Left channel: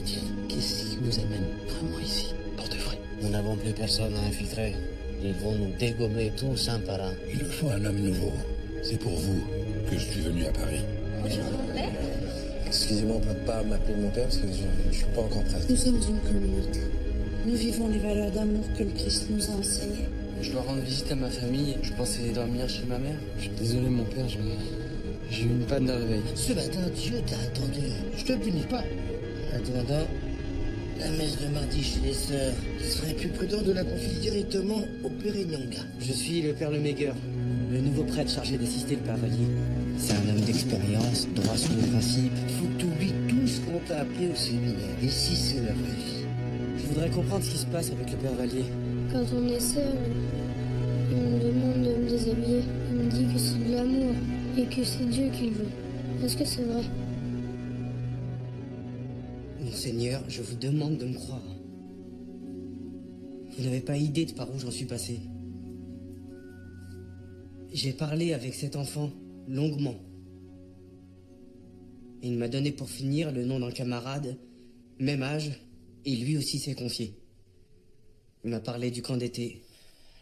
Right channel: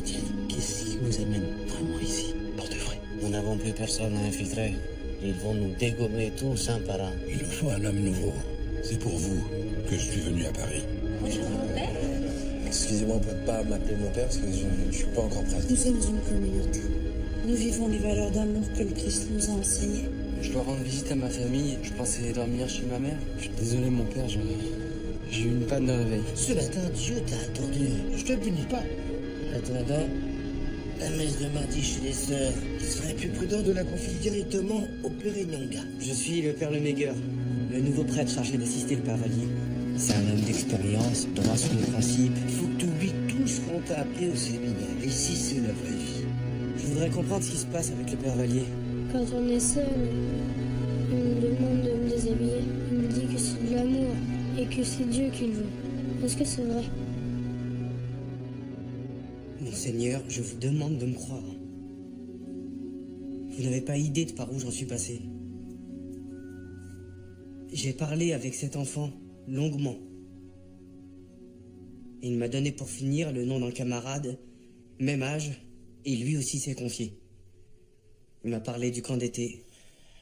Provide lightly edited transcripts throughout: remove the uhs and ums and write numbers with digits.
Étienne, qu'est-ce qui vous amène vraiment ici, pour de vrai? Nous n'avons plus personne à infiltrer. Ils vont nous dégommer tous un par un. Il nous faut un homme nouveau. C'est pour vous que je suis venu à Paris. Bonjour mon père. Excusez-moi, on peut pas m'appeler mon père parce que je suis pas encore prête. Nous sommes une communauté. Nous vivons les valeurs d'amour que le Christ nous a enseignées. Je dois rendre visite à ma famille. Je pensais dormir chez ma mère. Je suis désolé mon père, j'ai eu une panne de réveil. Ce matin, Dieu t'a attendu. Je te punis pas. Attendant la messe de mardi chez les sœurs, il serait plus prudent de la confier directement au Père Nyanga. Je suis le père Lemégueur, le nouveau prêtre chargé d'assister le père Vallier. C'est un homme d'expérience, droit sur les principes. Faut que tu oublies tout ce qu'on t'a appris au séminaire. Ici, c'est la vraie vie. Je voudrais comprendre ce qui se passe avec le père Vallier. Quand on est seul, il me demande de me déshabiller. Il me dit que c'est de l'amour et que c'est Dieu qui le veut. Est-ce que c'est vrai? Monseigneur, je vous demande de me croire. Vous n'avez pas idée de par où j'en suis passé. J'ai parlé avec cet enfant, longuement. Et il m'a donné pour finir le nom d'un camarade, même âge, et lui aussi s'est confié. Il m'a parlé du camp d'été.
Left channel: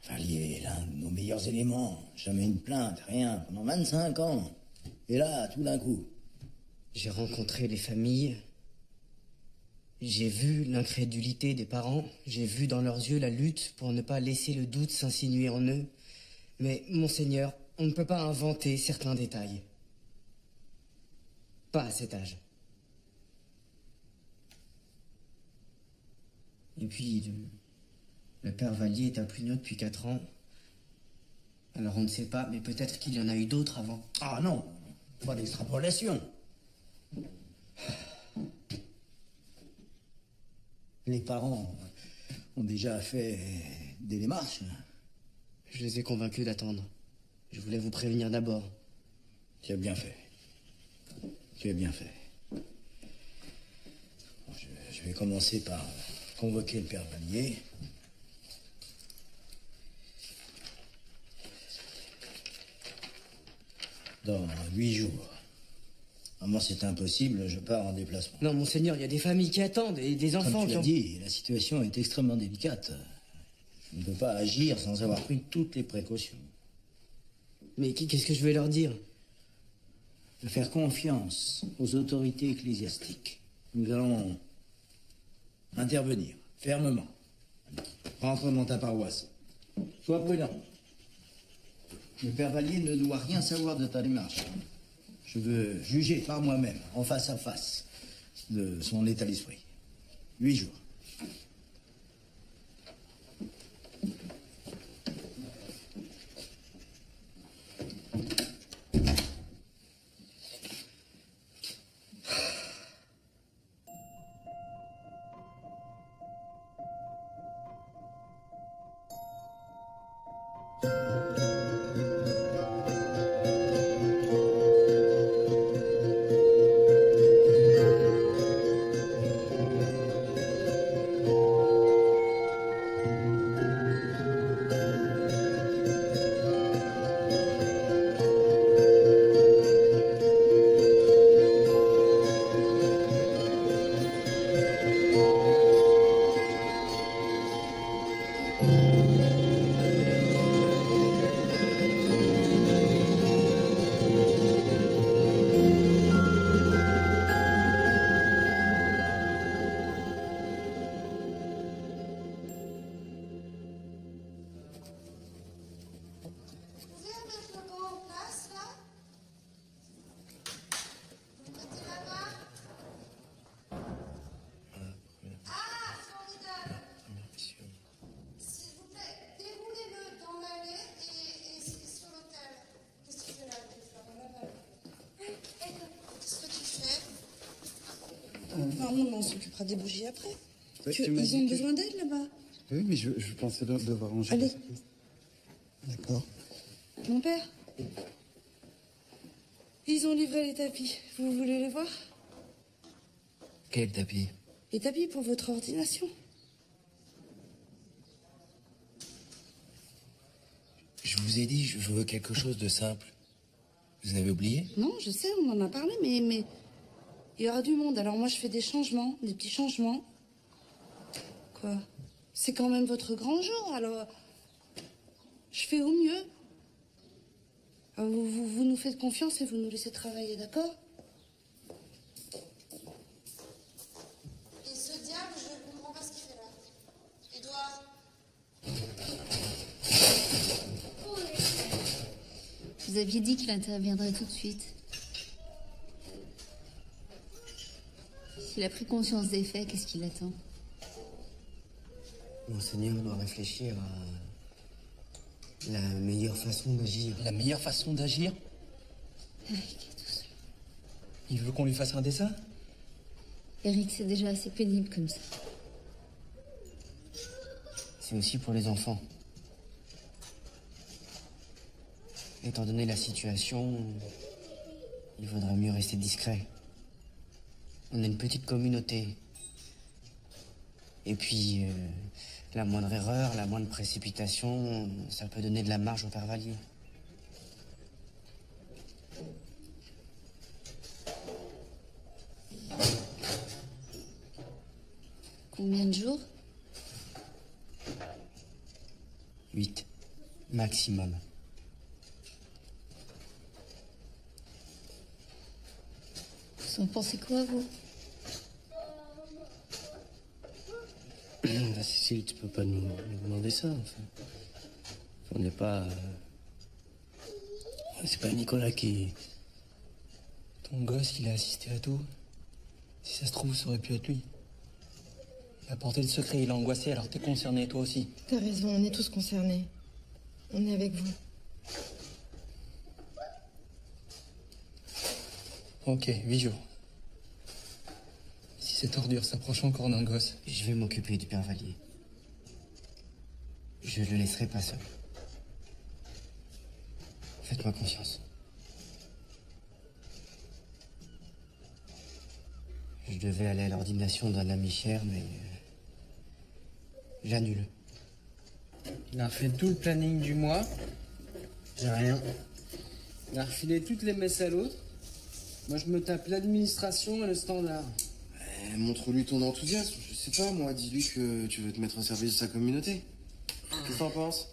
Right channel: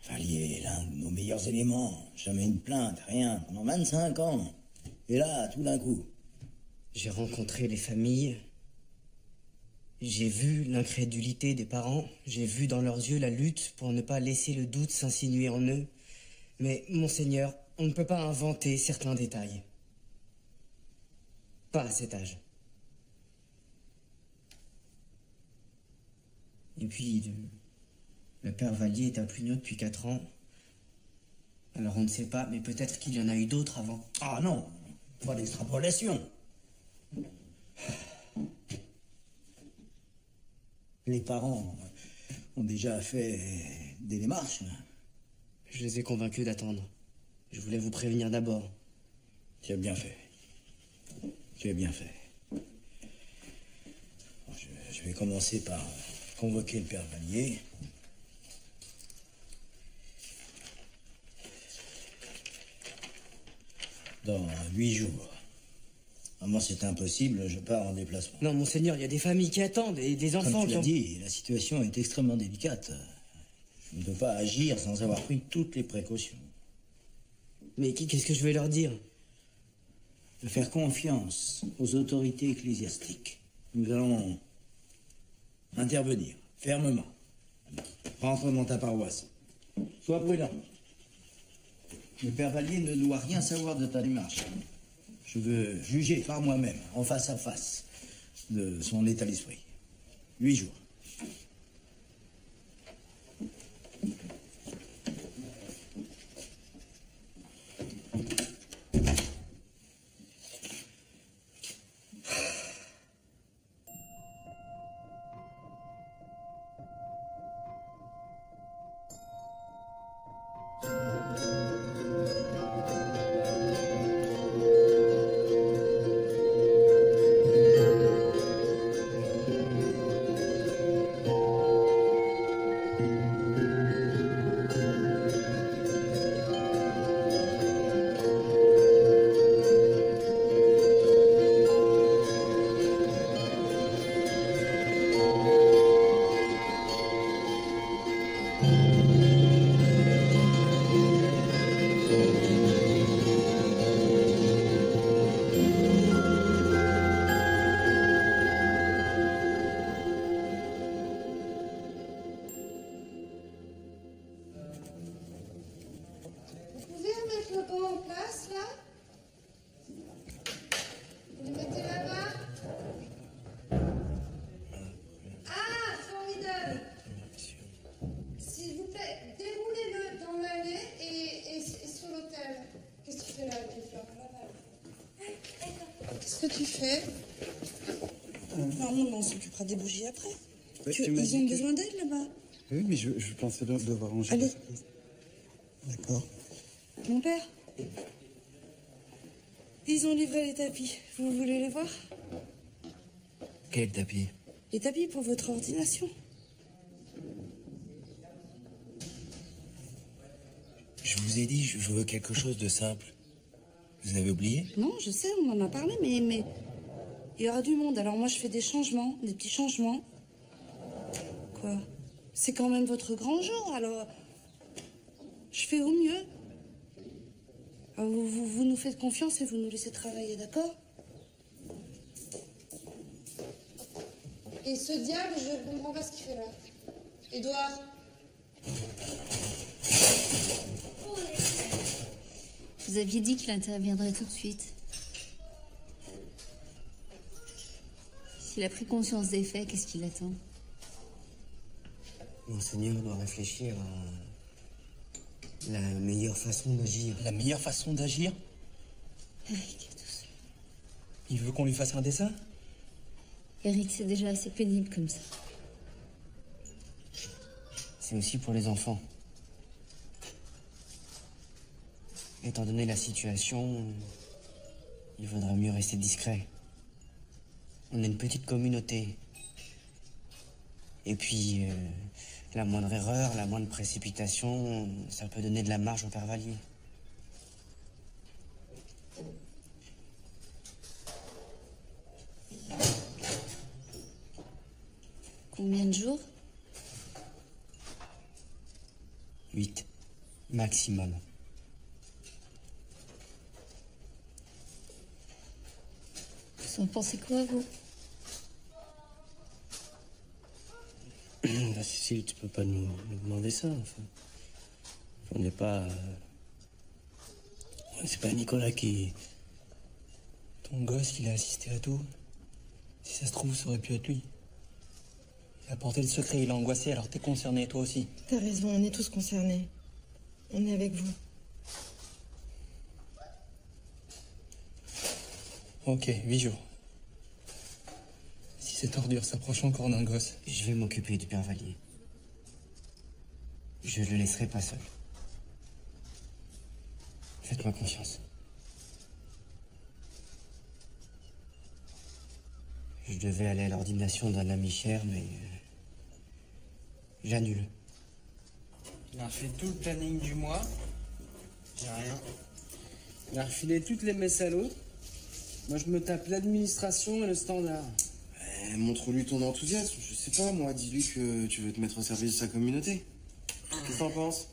Vallier est l'un de nos meilleurs éléments. Jamais une plainte, rien, pendant 25 ans. Et là, tout d'un coup. J'ai rencontré les familles. J'ai vu l'incrédulité des parents. J'ai vu dans leurs yeux la lutte pour ne pas laisser le doute s'insinuer en eux. Mais, monseigneur, on ne peut pas inventer certains détails. Pas à cet âge. Et puis, le père Vallier est un plugnon depuis 4 ans. Alors on ne sait pas, mais peut-être qu'il y en a eu d'autres avant. Ah non, pas d'extrapolation. Les parents ont déjà fait des démarches. Je les ai convaincus d'attendre. Je voulais vous prévenir d'abord. Tu as bien fait. Tu as bien fait. Je vais commencer par convoquer le père Vallier. Dans 8 jours. Moi, c'est impossible, je pars en déplacement. Non, monseigneur, il y a des familles qui attendent et des enfants Comme tu l'as dit, la situation est extrêmement délicate. Je ne peux pas agir sans avoir pris toutes les précautions. Mais qu'est-ce que je vais leur dire? De faire confiance aux autorités ecclésiastiques. Nous allons intervenir fermement. Rentre dans ta paroisse. Sois prudent. Le père Vallier ne doit rien savoir de ta démarche. Je veux juger par moi-même, en face à face, de son état d'esprit. 8 jours. Qu'est-ce que tu fais? Normalement, on s'occupera des bougies après. Ouais, Ils ont besoin d'aide là-bas. Oui, mais je pensais devoir ranger. Allez. D'accord. Mon père, ils ont livré les tapis. Vous voulez les voir? Quel tapis? Les tapis pour votre ordination. Je vous ai dit, je veux quelque chose de simple. Vous avez oublié? Non, je sais, on en a parlé, mais Il y aura du monde, alors moi je fais des changements, des petits changements. Quoi? C'est quand même votre grand jour, alors je fais au mieux. Alors, vous nous faites confiance et vous nous laissez travailler, d'accord? Et ce diable, je ne comprends pas ce qu'il fait là. Édouard. Vous aviez dit qu'il interviendrait tout de suite. S'il a pris conscience des faits, qu'est-ce qu'il attend? Monseigneur doit réfléchir à la meilleure façon d'agir. La meilleure façon d'agir? Eric, doucement. Il veut qu'on lui fasse un dessin? Eric, c'est déjà assez pénible comme ça. C'est aussi pour les enfants. Étant donné la situation, il vaudrait mieux rester discret. On est une petite communauté. Et puis, la moindre erreur, la moindre précipitation, ça peut donner de la marge au père Vallier. Combien de jours? 8, maximum. Vous en pensez quoi, vous? Bah, Cécile, tu peux pas nous demander ça, enfin. On n'est pas... C'est pas Nicolas qui... Ton gosse, il a assisté à tout. Si ça se trouve, ça aurait pu être lui. Il a porté le secret, il a angoissé, alors t'es concerné, toi aussi. T'as raison, on est tous concernés. On est avec vous. Ok, 8 jours. Si cette ordure s'approche encore d'un gosse... Je vais m'occuper du père Vallier. Je le laisserai pas seul. Faites-moi confiance. Je devais aller à l'ordination d'un ami cher, mais... j'annule. Il a refait tout le planning du mois. J'ai rien. Il a refilé toutes les messes à l'autre. Moi, je me tape l'administration et le standard. Montre-lui ton enthousiasme. Je sais pas, moi, dis-lui que tu veux te mettre au service de sa communauté. Qu'est-ce que t'en penses?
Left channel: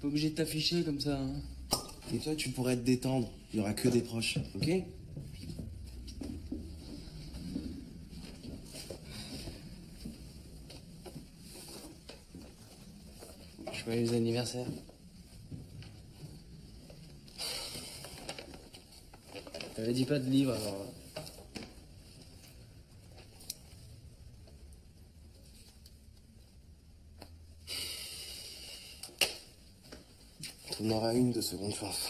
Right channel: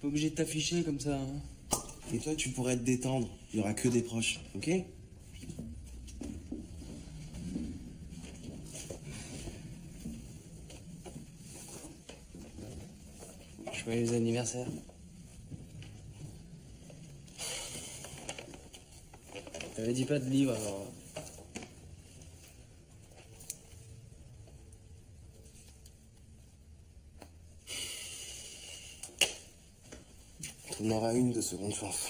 Pas obligé de t'afficher comme ça, hein. Et toi, tu pourrais te détendre. Il y aura que des proches, ok? Joyeux anniversaire. T'avais dit pas de livre, alors... T'en auras une de seconde chance.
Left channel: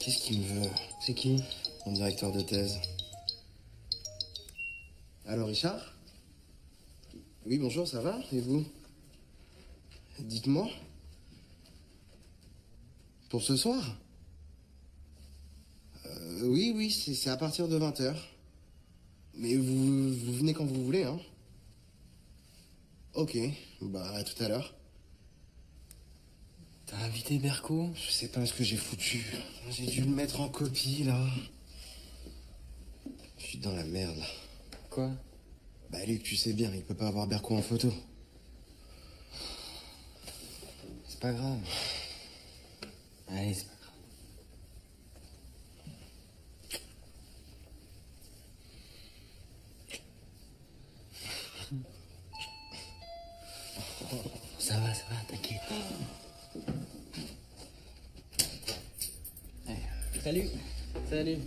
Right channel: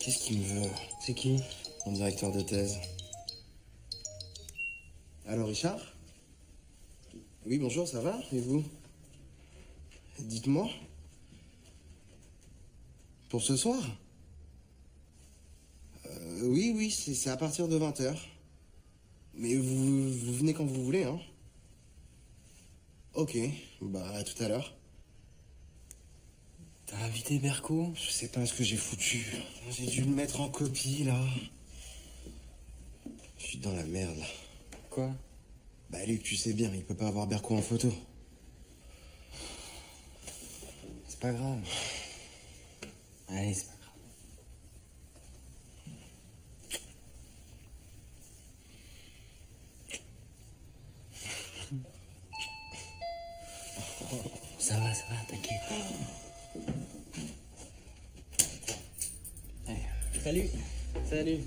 Qu'est-ce qu'il me veut? C'est qui? Mon directeur de thèse. Allô, Richard? Oui, bonjour, ça va? Et vous? Dites-moi. Pour ce soir? Oui, c'est à partir de 20h. Mais vous venez quand vous voulez, hein? Ok, bah à tout à l'heure. T'as invité Berco? Je sais pas ce que j'ai foutu. J'ai dû le mettre en copie, là. Je suis dans la merde, là. Quoi? Bah Luc, tu sais bien, il peut pas avoir Berco en photo. C'est pas grave. Allez, c'est pas grave. Ça va, t'inquiète. Allez. Salut.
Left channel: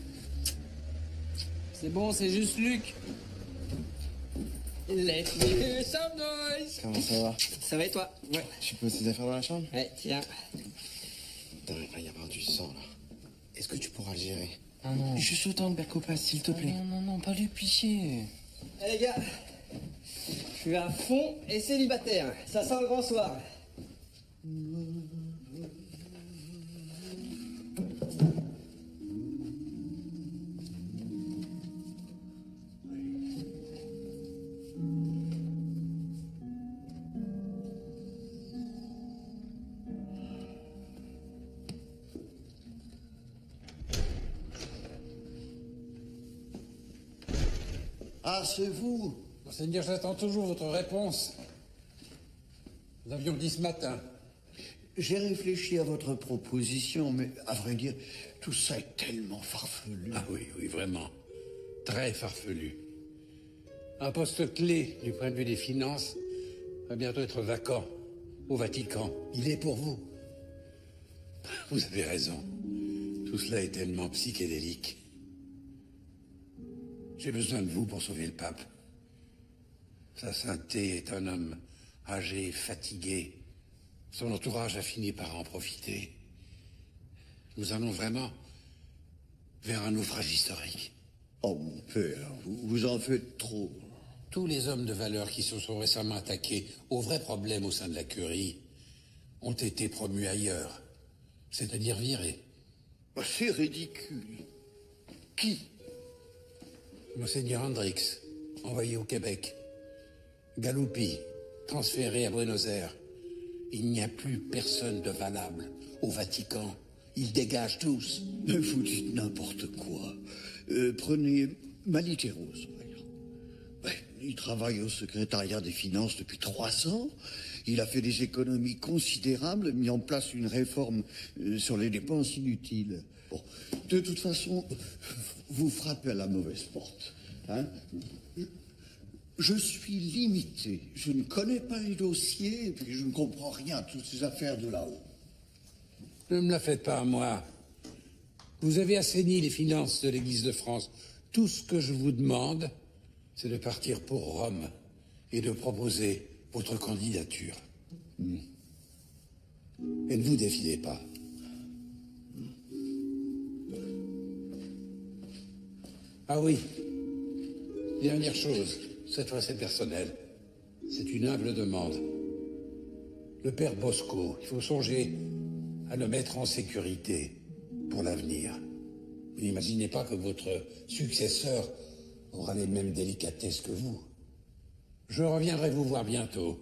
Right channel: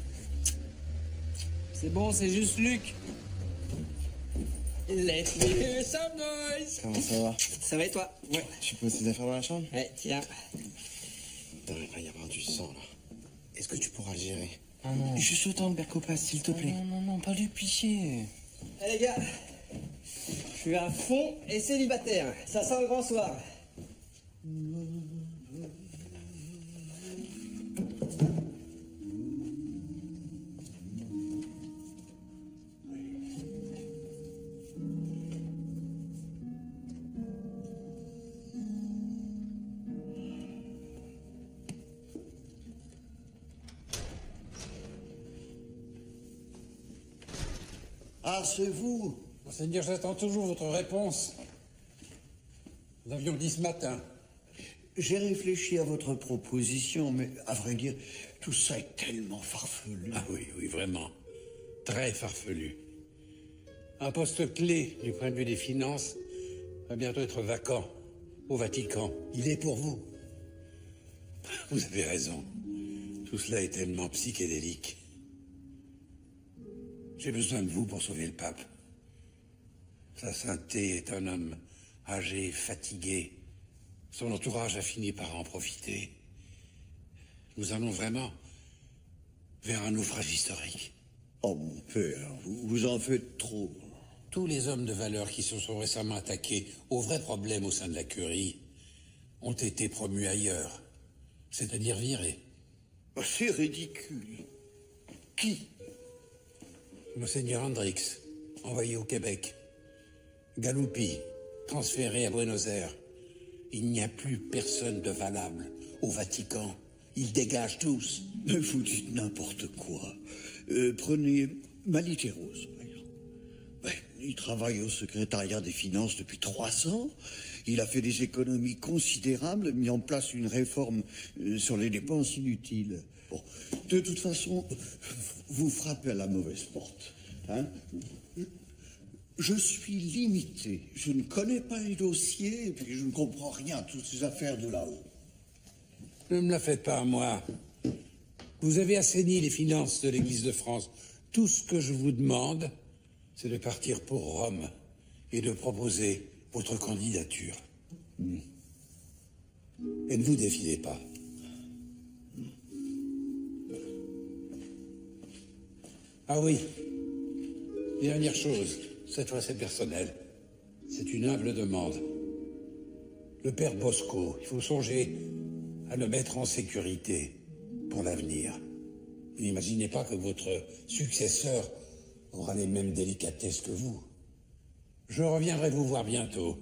C'est bon, c'est juste Luc. Let me hear some noise. Comment ça va? Ça va et toi? Ouais. Tu poses tes affaires dans la chambre? Ouais, tiens. Putain, il va y avoir du sang, là. Est-ce que tu pourras le gérer? Ah non. Juste le temps que Berco passe, s'il te plaît. Non, pas lui picher. Eh les gars, je suis à fond et célibataire. Ça sent le grand soir. Ah, c'est vous? Monseigneur, j'attends toujours votre réponse. Nous avions dit ce matin. J'ai réfléchi à votre proposition, mais à vrai dire, tout ça est tellement farfelu. Ah oui, oui, vraiment. Très farfelu. Un poste clé du point de vue des finances va bientôt être vacant au Vatican. Il est pour vous. Vous avez raison. Tout cela est tellement psychédélique. J'ai besoin de vous pour sauver le pape. Sa sainteté est un homme âgé, fatigué. Son entourage a fini par en profiter. Nous allons vraiment vers un naufrage historique. Oh, mon père, vous en faites trop. Tous les hommes de valeur qui se sont récemment attaqués aux vrais problèmes au sein de la curie ont été promus ailleurs, c'est-à-dire virés. Oh, c'est ridicule. Qui? Monseigneur Hendrix, envoyé au Québec. Galuppi, transféré à Buenos Aires. Il n'y a plus personne de valable au Vatican. Ils dégagent tous. Mais vous dites n'importe quoi. Prenez Maliteros. Il travaille au secrétariat des finances depuis 3 ans. Il a fait des économies considérables, mis en place une réforme sur les dépenses inutiles. Bon, de toute façon, vous frappez à la mauvaise porte. Hein? Je suis limité. Je ne connais pas les dossiers, et puis je ne comprends rien à toutes ces affaires de là-haut. Ne me la faites pas à moi. Vous avez assaini les finances de l'Église de France. Tout ce que je vous demande, c'est de partir pour Rome et de proposer votre candidature. Et ne vous défiez pas. Ah oui, dernière chose, cette fois c'est personnel. C'est une humble demande. Le père Bosco, il faut songer à le mettre en sécurité pour l'avenir. Vous n'imaginez pas que votre successeur aura les mêmes délicatesses que vous. Je reviendrai vous voir bientôt.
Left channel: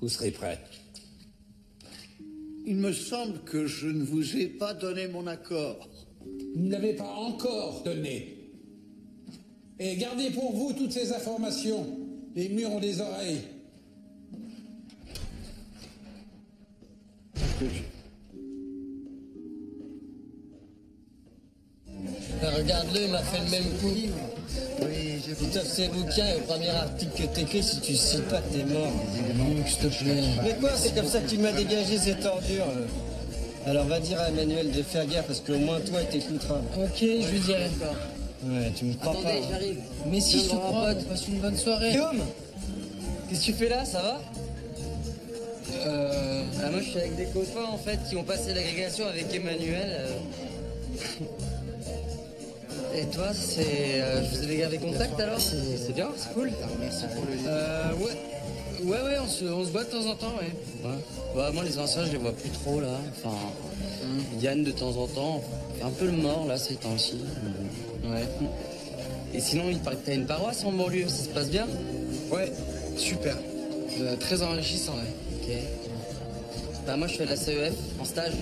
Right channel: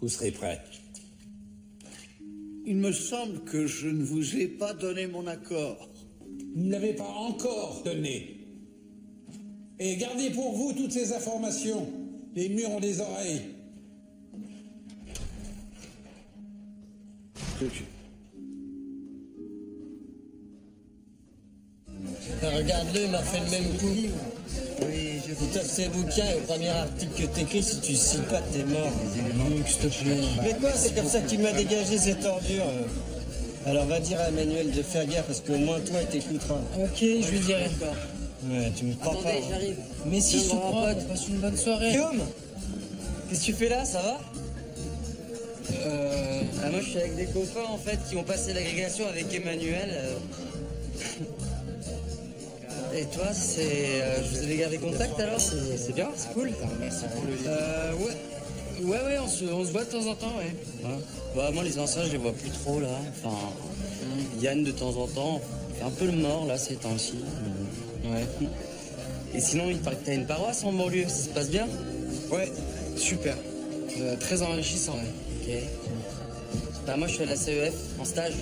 Vous serez prêt. Il me semble que je ne vous ai pas donné mon accord. Vous ne l'avez pas encore donné. Et gardez pour vous toutes ces informations. Les murs ont des oreilles. Regarde-le, il m'a fait le même coup. Oui, je... Il t'offre ses bouquins et au premier article que t'écris, si tu cites pas, t'es mort. S'il te plaît. Mais quoi, c'est comme ça qu'il m'a dégagé cette ordure. Alors va dire à Emmanuel de faire gaffe, parce qu'au moins toi, il t'écoutera. Ok, je lui dirai. Ouais, tu me crois pas. Attendez, j'arrive. Mais si, je te crois, on passe une bonne soirée. Guillaume, qu'est-ce que tu fais là, ça va? Moi, je suis avec des copains, en fait, qui ont passé l'agrégation avec Emmanuel. Et toi, c'est... je vous avais gardé contact, alors? C'est bien, c'est cool. Merci pour le... Ouais, on se voit de temps en temps, ouais. Bah, moi, les anciens, je les vois plus trop, là. Enfin, Yann, de temps en temps, fait un peu le mort, là, ces temps-ci. Ouais. Et sinon, il paraît que t'as une paroisse en banlieue, ça se passe bien? Ouais, super. Très enrichissant, ouais. Ok. Bah, moi, je suis à la CEF, en stage.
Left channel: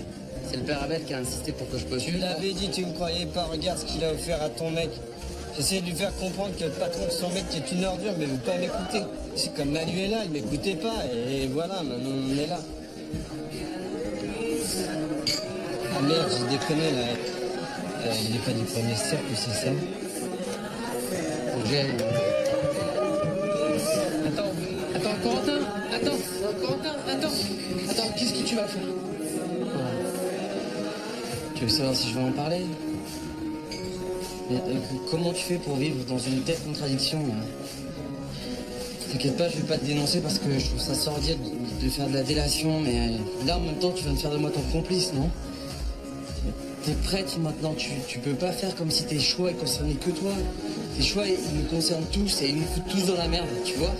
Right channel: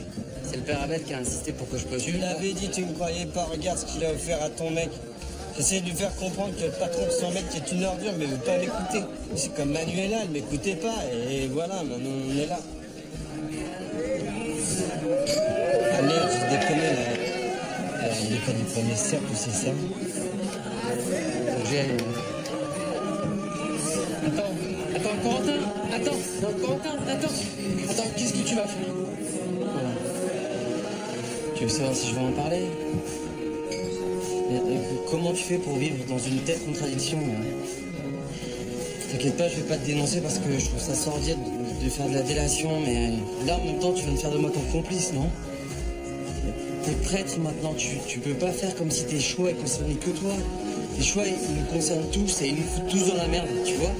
C'est le père Abel qui a insisté pour que je postule. Tu l'avais dit, tu me croyais pas. Regarde ce qu'il a offert à ton mec. J'essaie de lui faire comprendre que le patron de son mec est une ordure, mais il veut pas m'écouter. C'est comme Manuela, elle m'écoutait pas, et voilà, maintenant on est là. Ah merde, j'ai déconné là. Il est pas du premier cercle, c'est ça? Faut que j'aille. Attends, Corentin, attends, qu'est-ce que tu vas faire? Tu veux savoir si je vais en parler? Comment tu fais pour vivre dans une telle contradiction là? T'inquiète pas, je vais pas te dénoncer parce que je trouve ça sordide de faire de la délation, mais là en même temps tu viens de faire de moi ton complice, non? T'es prêtre maintenant, tu peux pas faire comme si tes choix ils concernaient que toi. Tes choix ils nous concernent tous et ils nous foutent tous dans la merde, tu vois?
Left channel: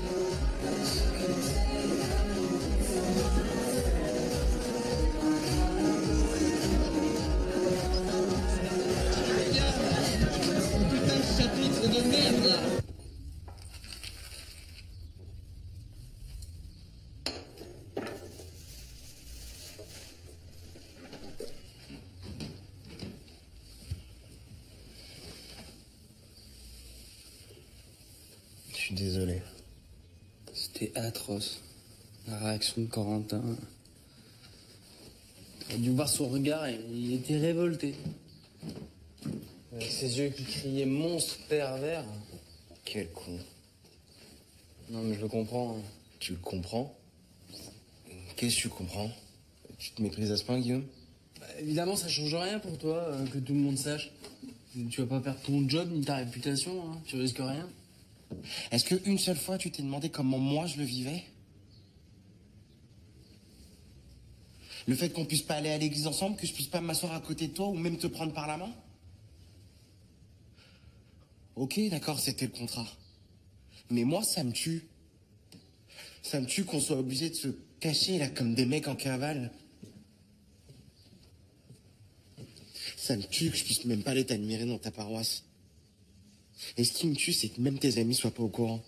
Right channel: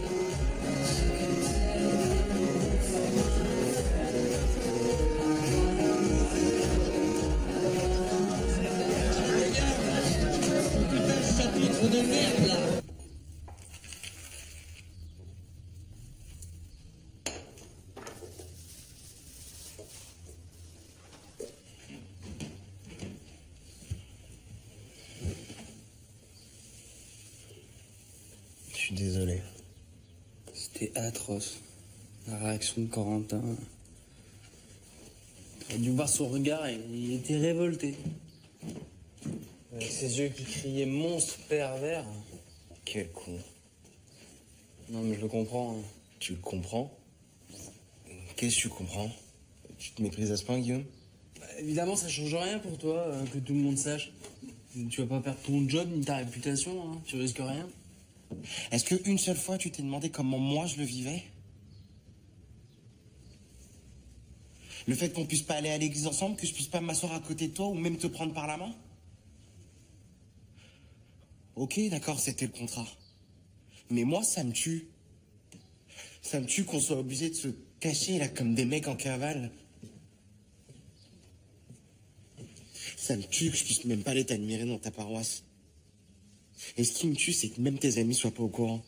Chapitre de merde là. suis désolé. C'était atroce. La réaction de Corentin. T'aurais dû voir son regard, il était révolté. Avec ses yeux qui criaient monstre pervers. Quel con. Non, mais je le comprends. Tu le comprends? Qu'est-ce que tu comprends? Tu te méprises à ce point, Guillaume? Bah, évidemment, ça change rien pour toi, que tout le monde sache. Tu vas pas perdre ton job ni ta réputation, hein. Tu risques rien. Est-ce qu'une seule fois, tu t'es demandé comment moi je le vivais? Le fait qu'on puisse pas aller à l'église ensemble, que je puisse pas m'asseoir à côté de toi ou même te prendre par la main? Ok, d'accord, c'était le contrat. Mais moi, ça me tue. Ça me tue qu'on soit obligé de se cacher, là, comme des mecs en cavale. Ça me tue que je puisse même pas aller t'admirer dans ta paroisse. Et ce qui me tue, c'est que même tes amis soient pas au courant.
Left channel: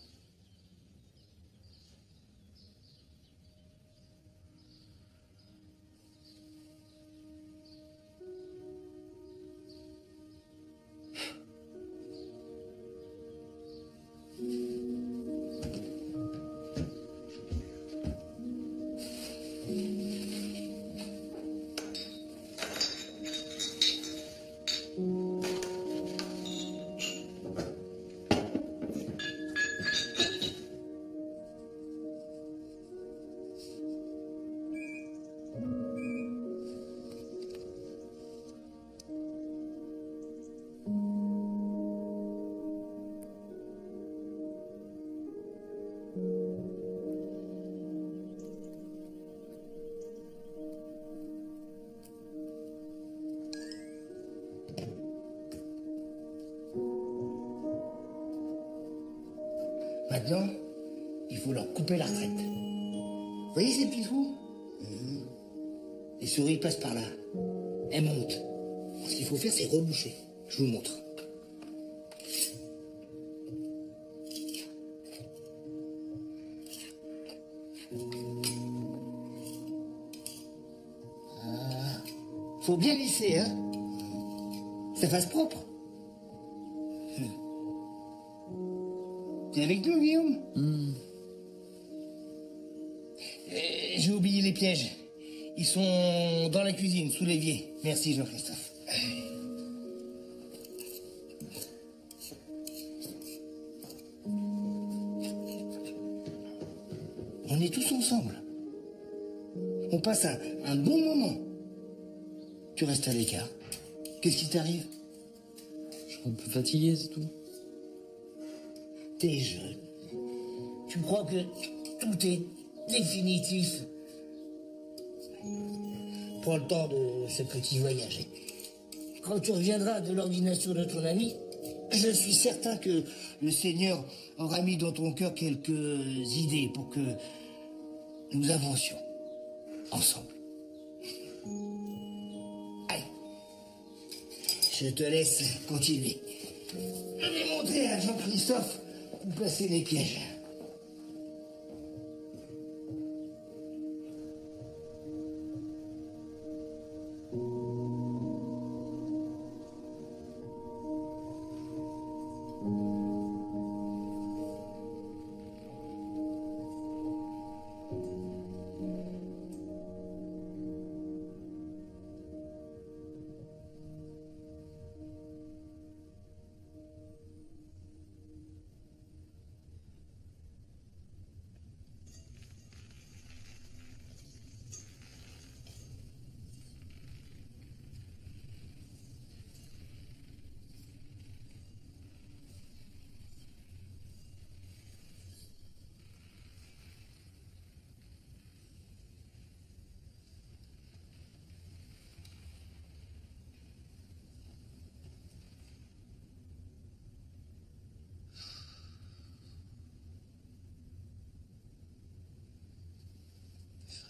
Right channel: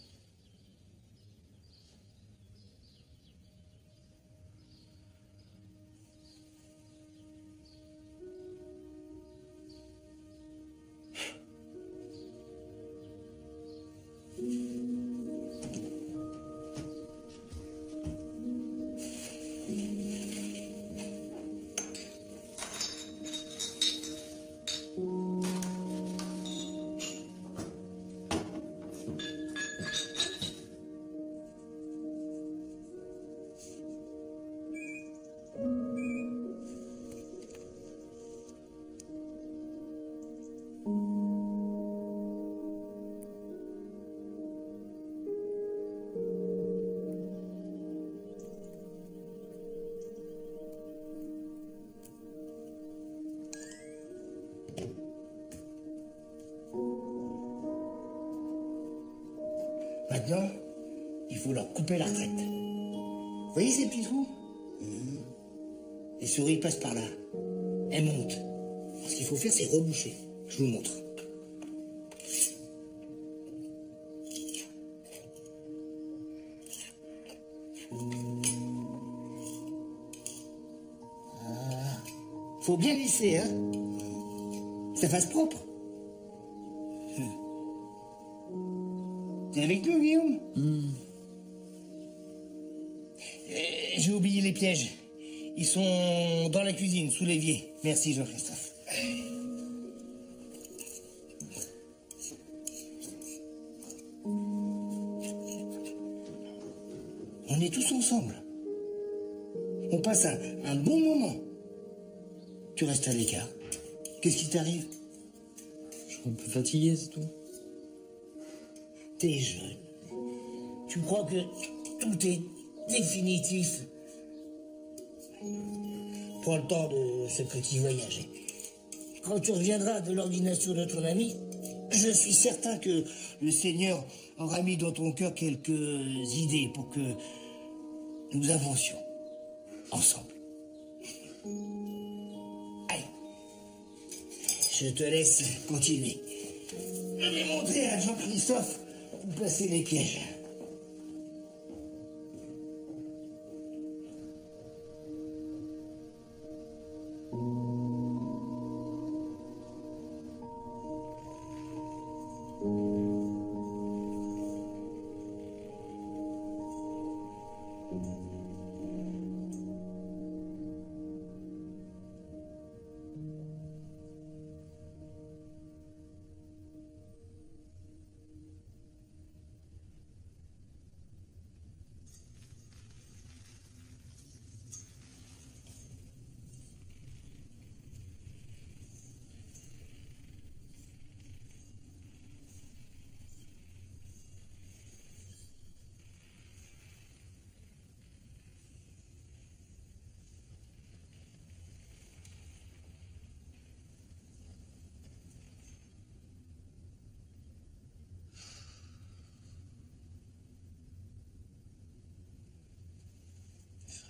Maintenant, il faut leur couper la retraite. Vous voyez ces petits trous? Les souris passent par là. Elles montent. Alors, ce qu'il faut faire, c'est reboucher. Je vous montre. Ah. Faut bien lisser, hein? Que ça fasse propre. T'es avec nous, Guillaume? J'ai oublié les pièges. Ils sont dans la cuisine, sous l'évier. Merci, Jean-Christophe. On est tous ensemble. On passe un bon moment. Tu restes à l'écart. Qu'est-ce qui t'arrive? Je suis un peu fatigué, c'est tout. T'es jeune. Tu crois que tout est définitif? Prends le temps de ce petit voyage. Quand tu reviendras de l'ordination de ton ami, je suis certain que le Seigneur aura mis dans ton cœur quelques idées pour que nous avancions ensemble. Allez, je te laisse continuer. Je vais montrer à Jean-Christophe où placer les pièges.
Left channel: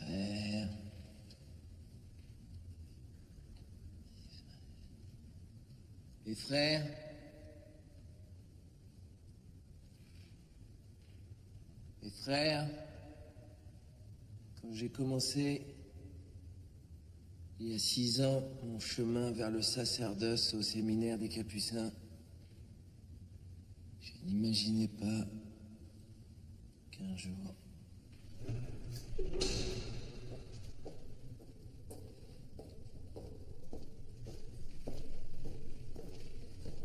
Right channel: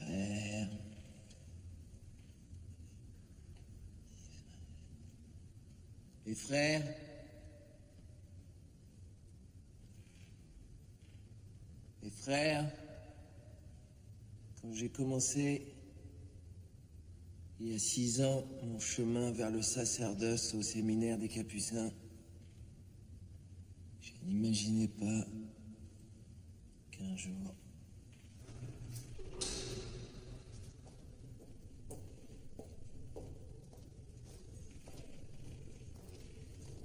Frère. Les frères. Les frères. Quand j'ai commencé, il y a 6 ans, mon chemin vers le sacerdoce au séminaire des Capucins, je n'imaginais pas 15 jours.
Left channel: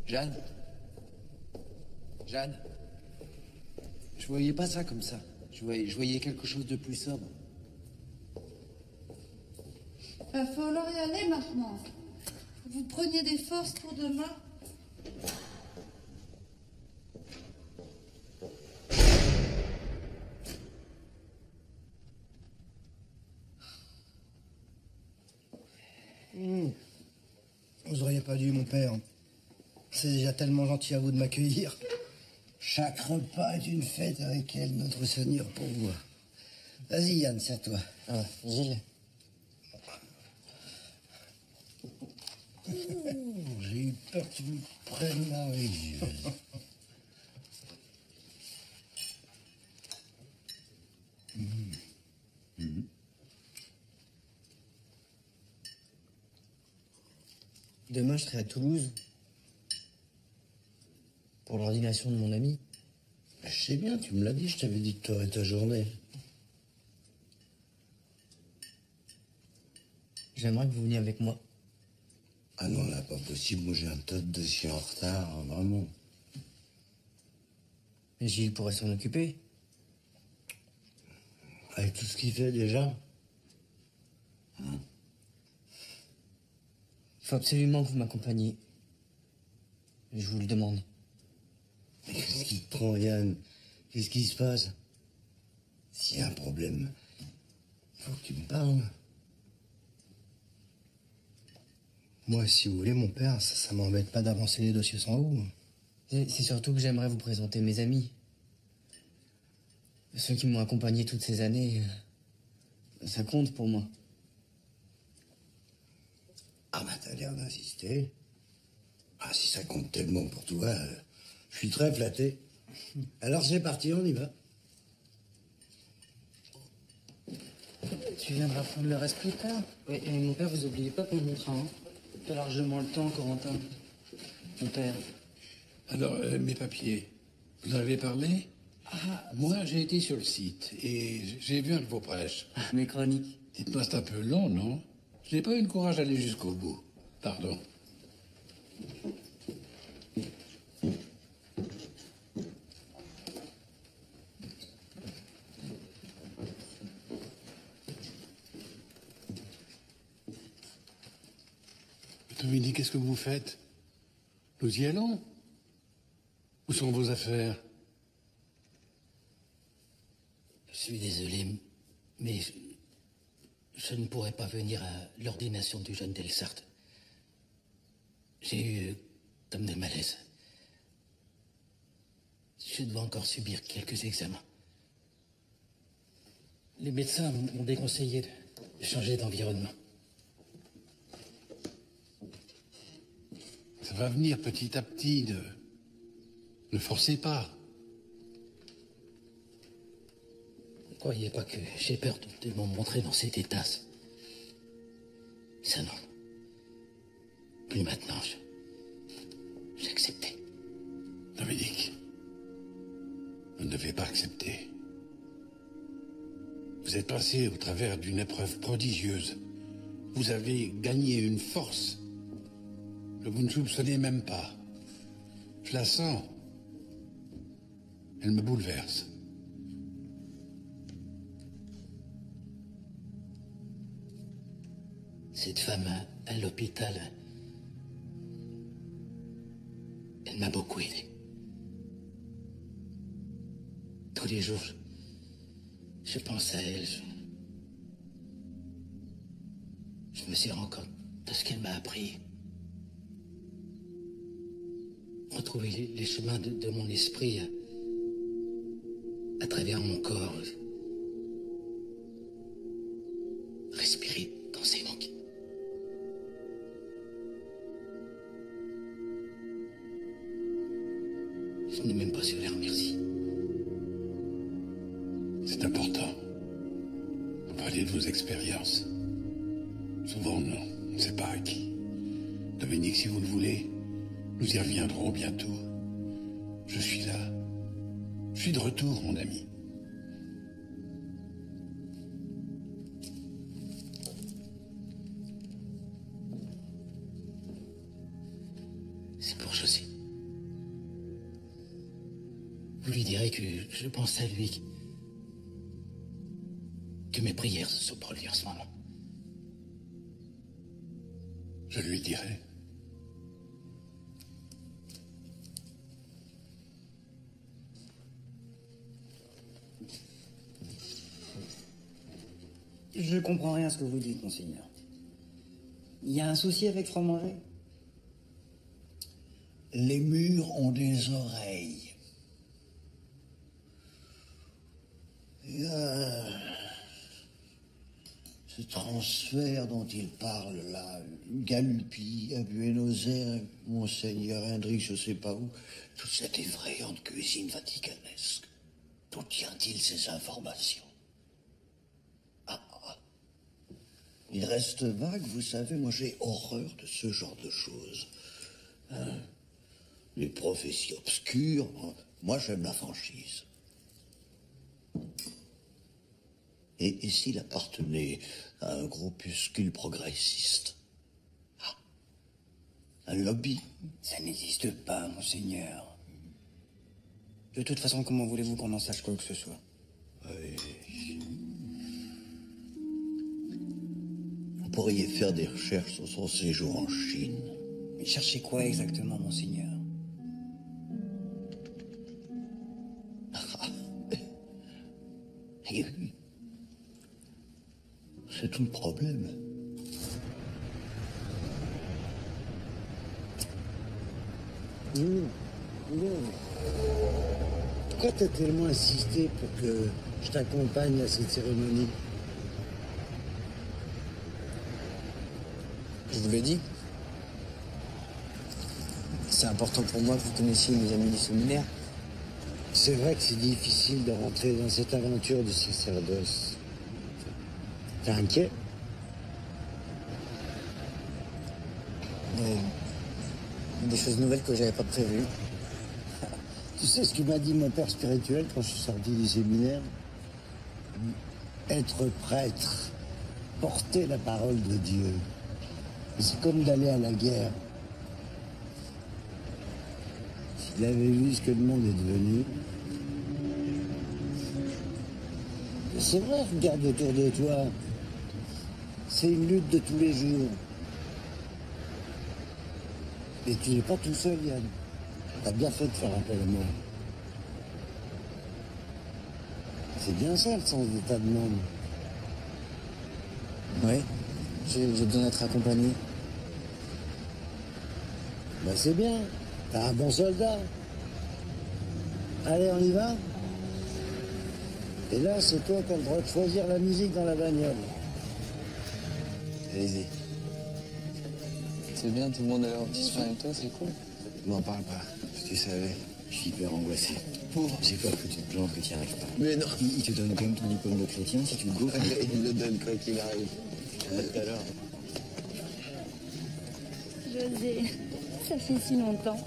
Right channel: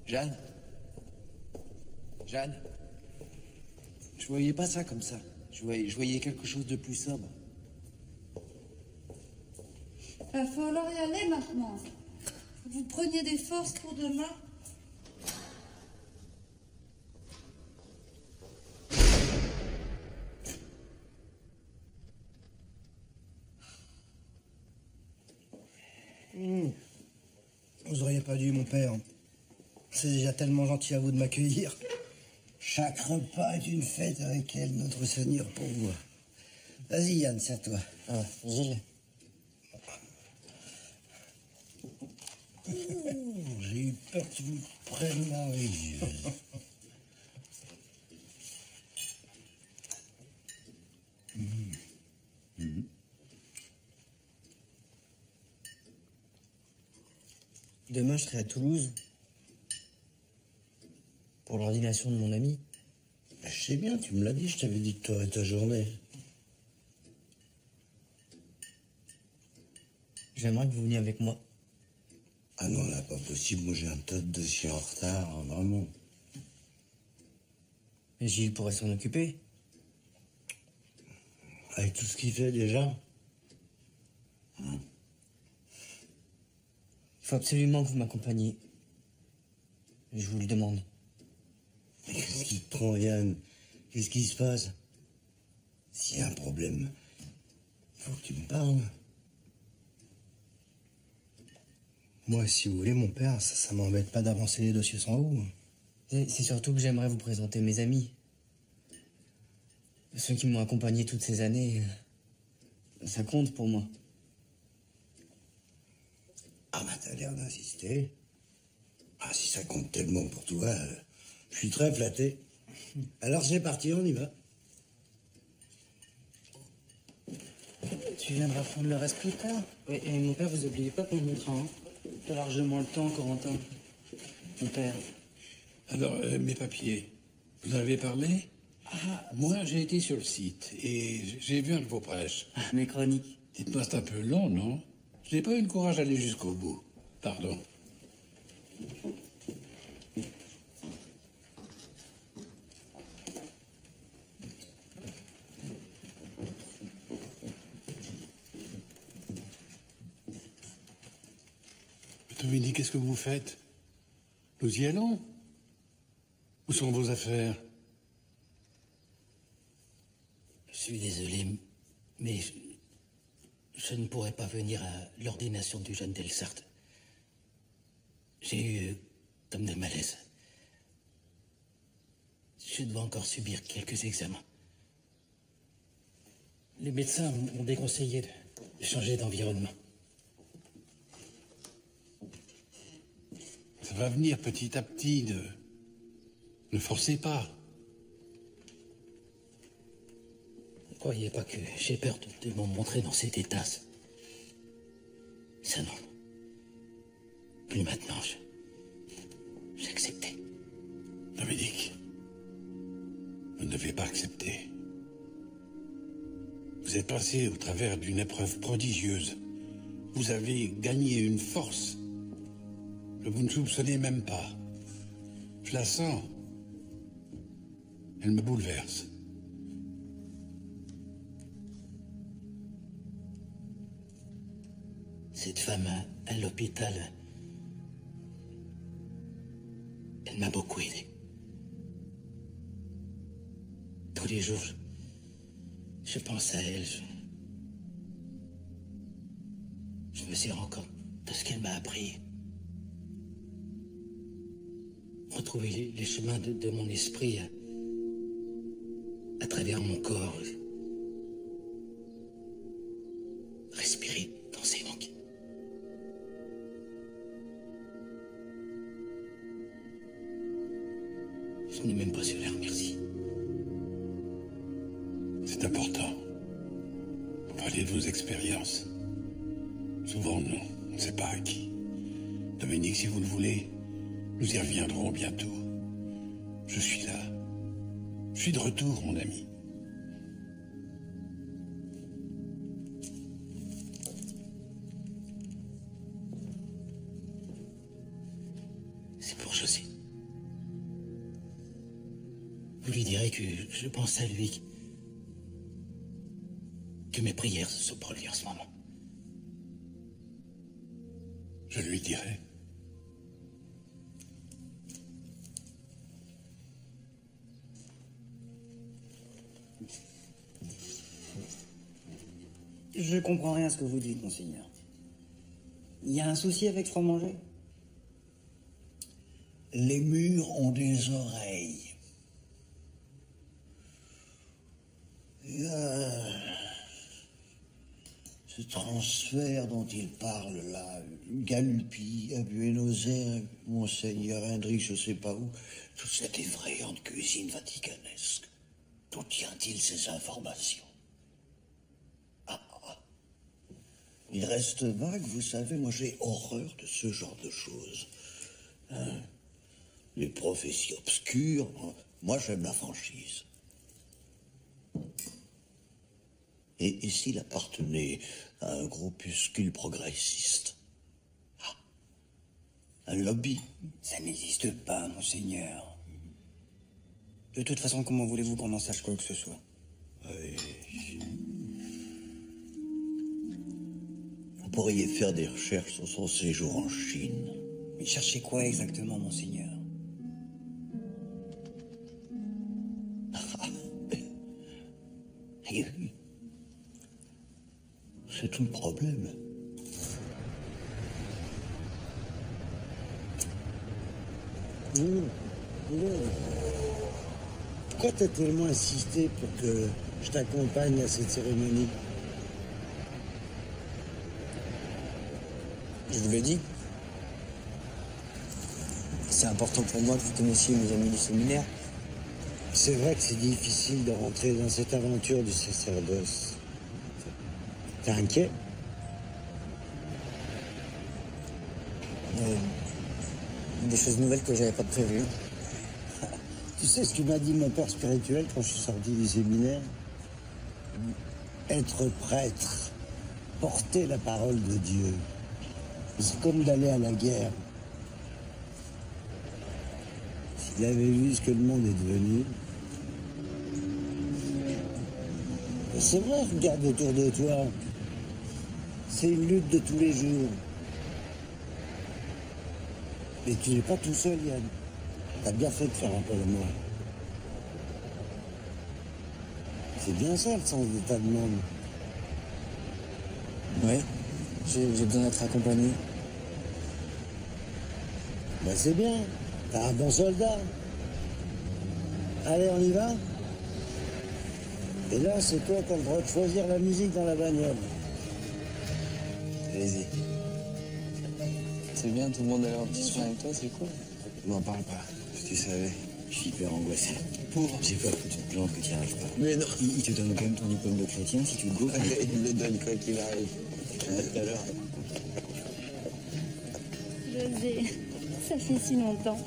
Jeanne? Jeanne? Je voyais pas ça comme ça. Je voyais quelque chose de plus sobre. Va falloir y aller maintenant. Faut que vous preniez des forces pour demain. Vous auriez pas dû, mon père. C'est déjà tellement gentil à vous de m'accueillir. Chaque repas est une fête avec elle, notre Seigneur, pour vous. Vas-y, Yann, serre-toi. Ah, Gilles. J'ai eu peur que tu me prennes la religieuse. Demain, je serai à Toulouse pour l'ordination de mon ami. Je sais bien, tu me l'as dit, je t'avais dit que tu aurais ta journée. J'aimerais que vous veniez avec moi. Ah non, là, pas possible, moi j'ai un tas de dossiers en retard, hein, vraiment. Mais Gilles pourrait s'en occuper. Avec tout ce qu'il fait déjà. Il faut absolument que vous m'accompagniez. Je vous le demande. Mais qu'est-ce qui te prend, Yann? Qu'est-ce qui se passe? S'il y a un problème, faut que tu me parles. Moi, si vous voulez, mon père, ça m'embête pas d'avancer les dossiers sans vous. C'est surtout que j'aimerais vous présenter mes amis. Ceux qui m'ont accompagné toutes ces années. Ça compte pour moi. Ah bah t'as l'air d'insister. Ah, si ça compte tellement pour toi, je suis très flatté. Alors c'est parti, on y va. Tu viendras prendre le reste plus tard. Oui, et mon père, vous oubliez pas pour mon train. Hein. T'as largement le temps, Corentin. Mon père. Alors, mes papiers, vous en avez parlé? Ah, moi, j'ai été sur le site et j'ai vu un de vos prêches. Mes chroniques. Dites-moi, c'est un peu long, non? Je n'ai pas eu le courage d'aller jusqu'au bout. Pardon. Dominique, qu'est-ce que vous faites? Nous y allons? Où sont vos affaires? Je suis désolé, mais je ne pourrai pas venir à l'ordination du jeune Delsart. J'ai eu comme des malaises. Je dois encore subir quelques examens. Les médecins m'ont déconseillé de changer d'environnement. Ça va venir petit à petit, ne forcez pas. Ne croyez pas que j'ai peur de me montrer dans cet état. Ça non. Plus maintenant, j'ai accepté. Dominique, vous ne devez pas accepter. Vous êtes passé au travers d'une épreuve prodigieuse. Vous avez gagné une force que vous ne soupçonnez même pas. Je la sens. Elle me bouleverse. Cette femme à l'hôpital, elle m'a beaucoup aidé. Tous les jours, je pense à elle. Je me suis rendu compte de ce qu'elle m'a appris. Retrouver les chemins de mon esprit à travers mon corps. Respirer dans ses manques. Je n'ai même pas su la remercier. C'est important. Vous parlez de vos expériences. Souvent, non, on ne sait pas à qui. Dominique, si vous le voulez, nous y reviendrons bientôt. Je suis là. Je suis de retour, mon ami. c'est pour José. Vous lui direz que je pense à lui, que mes prières sont pour lui en ce moment. Je lui dirai. Je comprends rien à ce que vous dites, monseigneur. Il y a un souci avec Fromanger? Les murs ont des oreilles. Ce transfert dont il parle là, Galuppi, à Buenos Aires, Monseigneur Hendrik, je sais pas où, toute cette effrayante cuisine vaticanesque, d'où tient-il ces informations? Il reste vague, vous savez, moi j'ai horreur de ce genre de choses. Hein? Les prophéties obscures, hein. Moi j'aime la franchise. Et s'il appartenait à un groupuscule progressiste? Un lobby? Ça n'existe pas, monseigneur. De toute façon, comment voulez-vous qu'on en sache quoi que ce soit? Vous pourriez faire des recherches sur son séjour en Chine. Mais cherchez quoi exactement, monseigneur? C'est tout le problème. Pourquoi t'as tellement insisté pour que je t'accompagne à cette cérémonie? Je vous l'ai dit. C'est important pour moi que vous connaissiez mes amis du séminaire. C'est vrai que c'est difficile de rentrer dans cette aventure du sacerdoce. T'es inquiet? Il y a des choses nouvelles que j'avais pas prévues. Tu sais ce que m'a dit mon père spirituel quand je suis sorti du séminaire? Être prêtre, porter la parole de Dieu, c'est comme d'aller à la guerre. S'il avait vu ce que le monde est devenu... C'est vrai, regarde autour de toi. C'est une lutte de tous les jours. Et tu n'es pas tout seul, Yann. T'as bien fait de faire appel à moi. C'est bien ça, le sens de ta demande. Ouais, j'ai besoin d'être accompagné. Bah c'est bien, t'as un bon soldat. Allez, on y va? Et là, c'est toi qui as le droit de choisir la musique dans la bagnole. Allez-y. C'est bien, tout le monde a leur petit soin avec toi, c'est cool. M'en parle pas. Si tu savais, je suis hyper angoissé. Pauvre. J'ai peur que tu te plantes, que tu n'y arrives pas. Mais non. Il te donne quand même ton diplôme de chrétien si tu le go. Il le donne quoi qu'il arrive. Alors. José, ça fait si longtemps.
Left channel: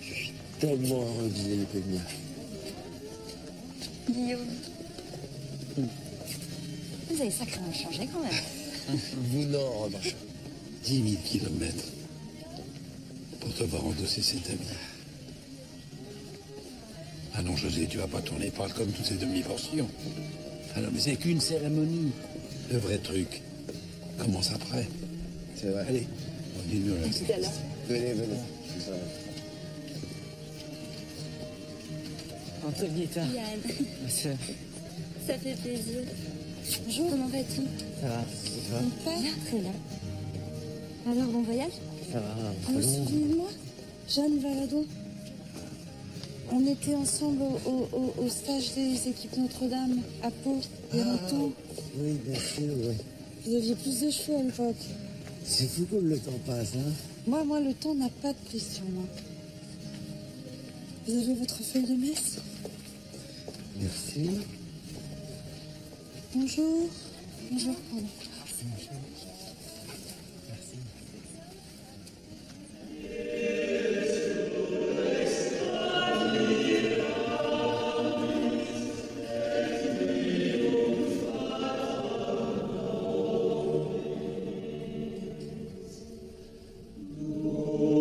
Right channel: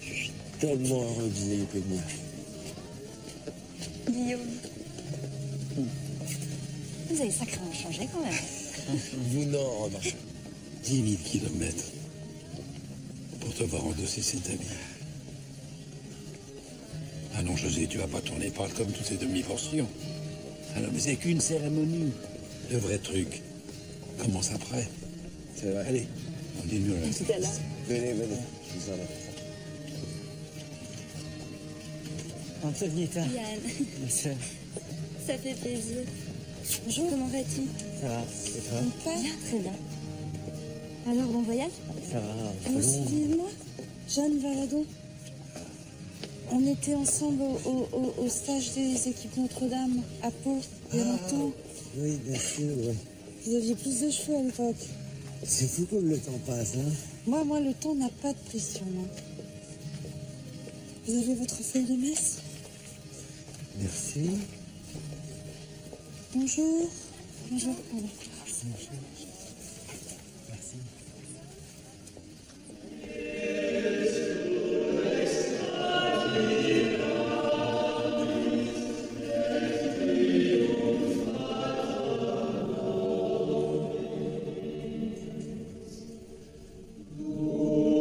Je suis tellement heureux que vous ayez pu venir. Guillaume. Vous avez sacrément changé quand même. Vous non, en revanche. 10 000 kilomètres pour te voir endosser cet habit. Ah non, José, tu vas pas tourner parle comme toutes ces demi-portions. Ah non, mais c'est qu'une cérémonie. Le vrai truc commence après. C'est vrai. Allez, on dit nous là. À tout à l'heure. Venez, je vous emmène. Antonietta. Yann, Ma sœur. ça fait plaisir. Bonjour. Comment vas-tu? Ça va, et toi? Bien, très bien. Alors, bon voyage? Ça va, un Vous peu vous long. souvenez de moi? Jeanne Valadon. On était ensemble au stage des équipes Notre-Dame, à Pau, il y a longtemps. Oui, bien sûr, oui. Vous aviez plus de cheveux à l'époque. C'est fou comme le temps passe, hein? Moi, le temps n'a pas de prise sur moi. Vous avez votre feuille de messe? Merci. Bonjour. Bonjour, pardon. Bonjour. Merci. Oh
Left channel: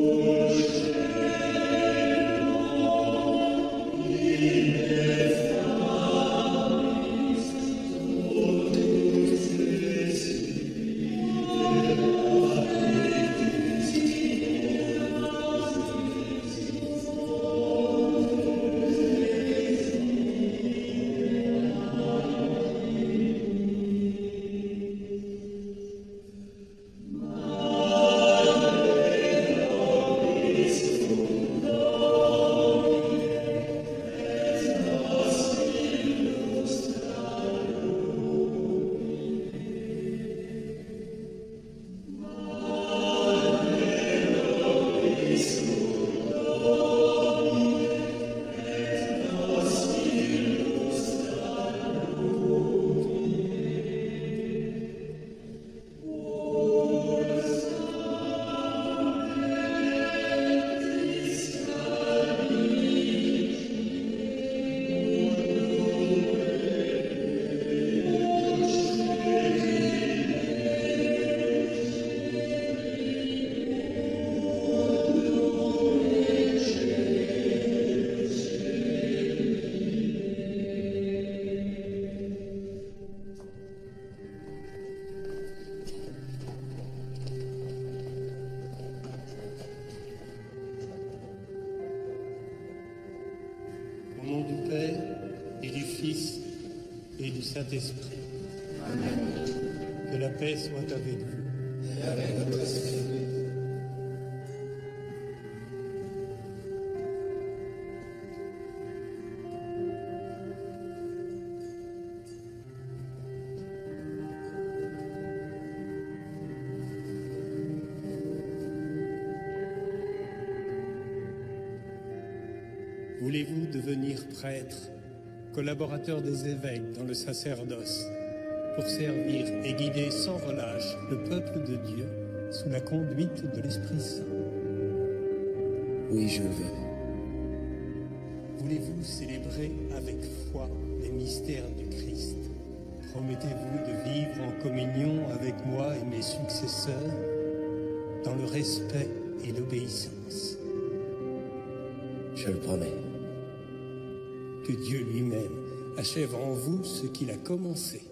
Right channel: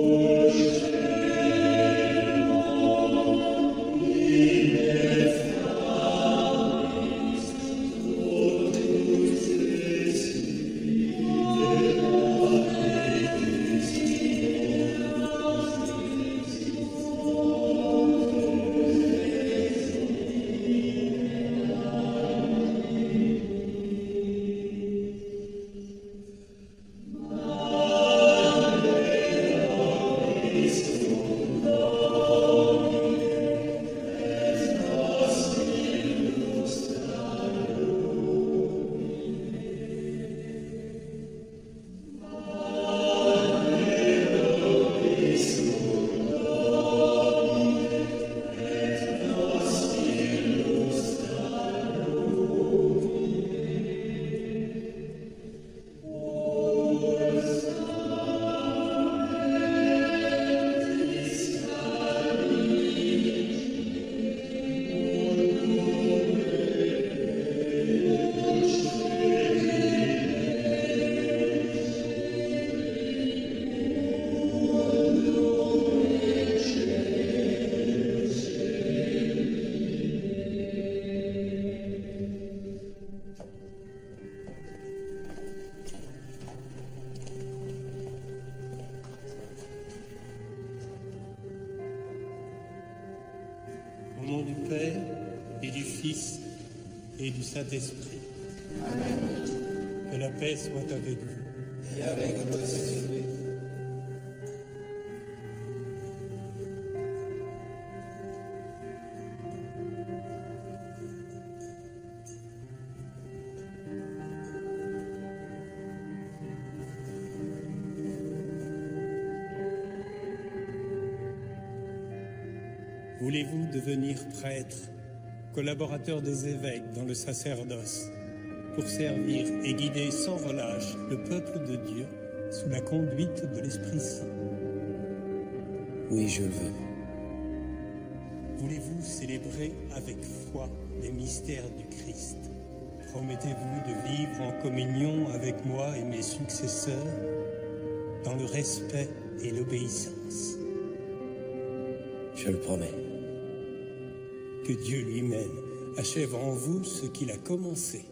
Au nom du Père, et du Fils, et du Saint-Esprit. Que la paix soit avec vous. Et avec votre esprit. Voulez-vous devenir prêtre, collaborateur des évêques dans le sacerdoce, pour servir et guider sans relâche le peuple de Dieu sous la conduite de l'Esprit Saint? Oui, je le veux. Voulez-vous célébrer avec foi les mystères du Christ? Promettez-vous de vivre en communion avec moi et mes successeurs dans le respect et l'obéissance? Je le promets. Que Dieu lui-même achève en vous ce qu'il a commencé.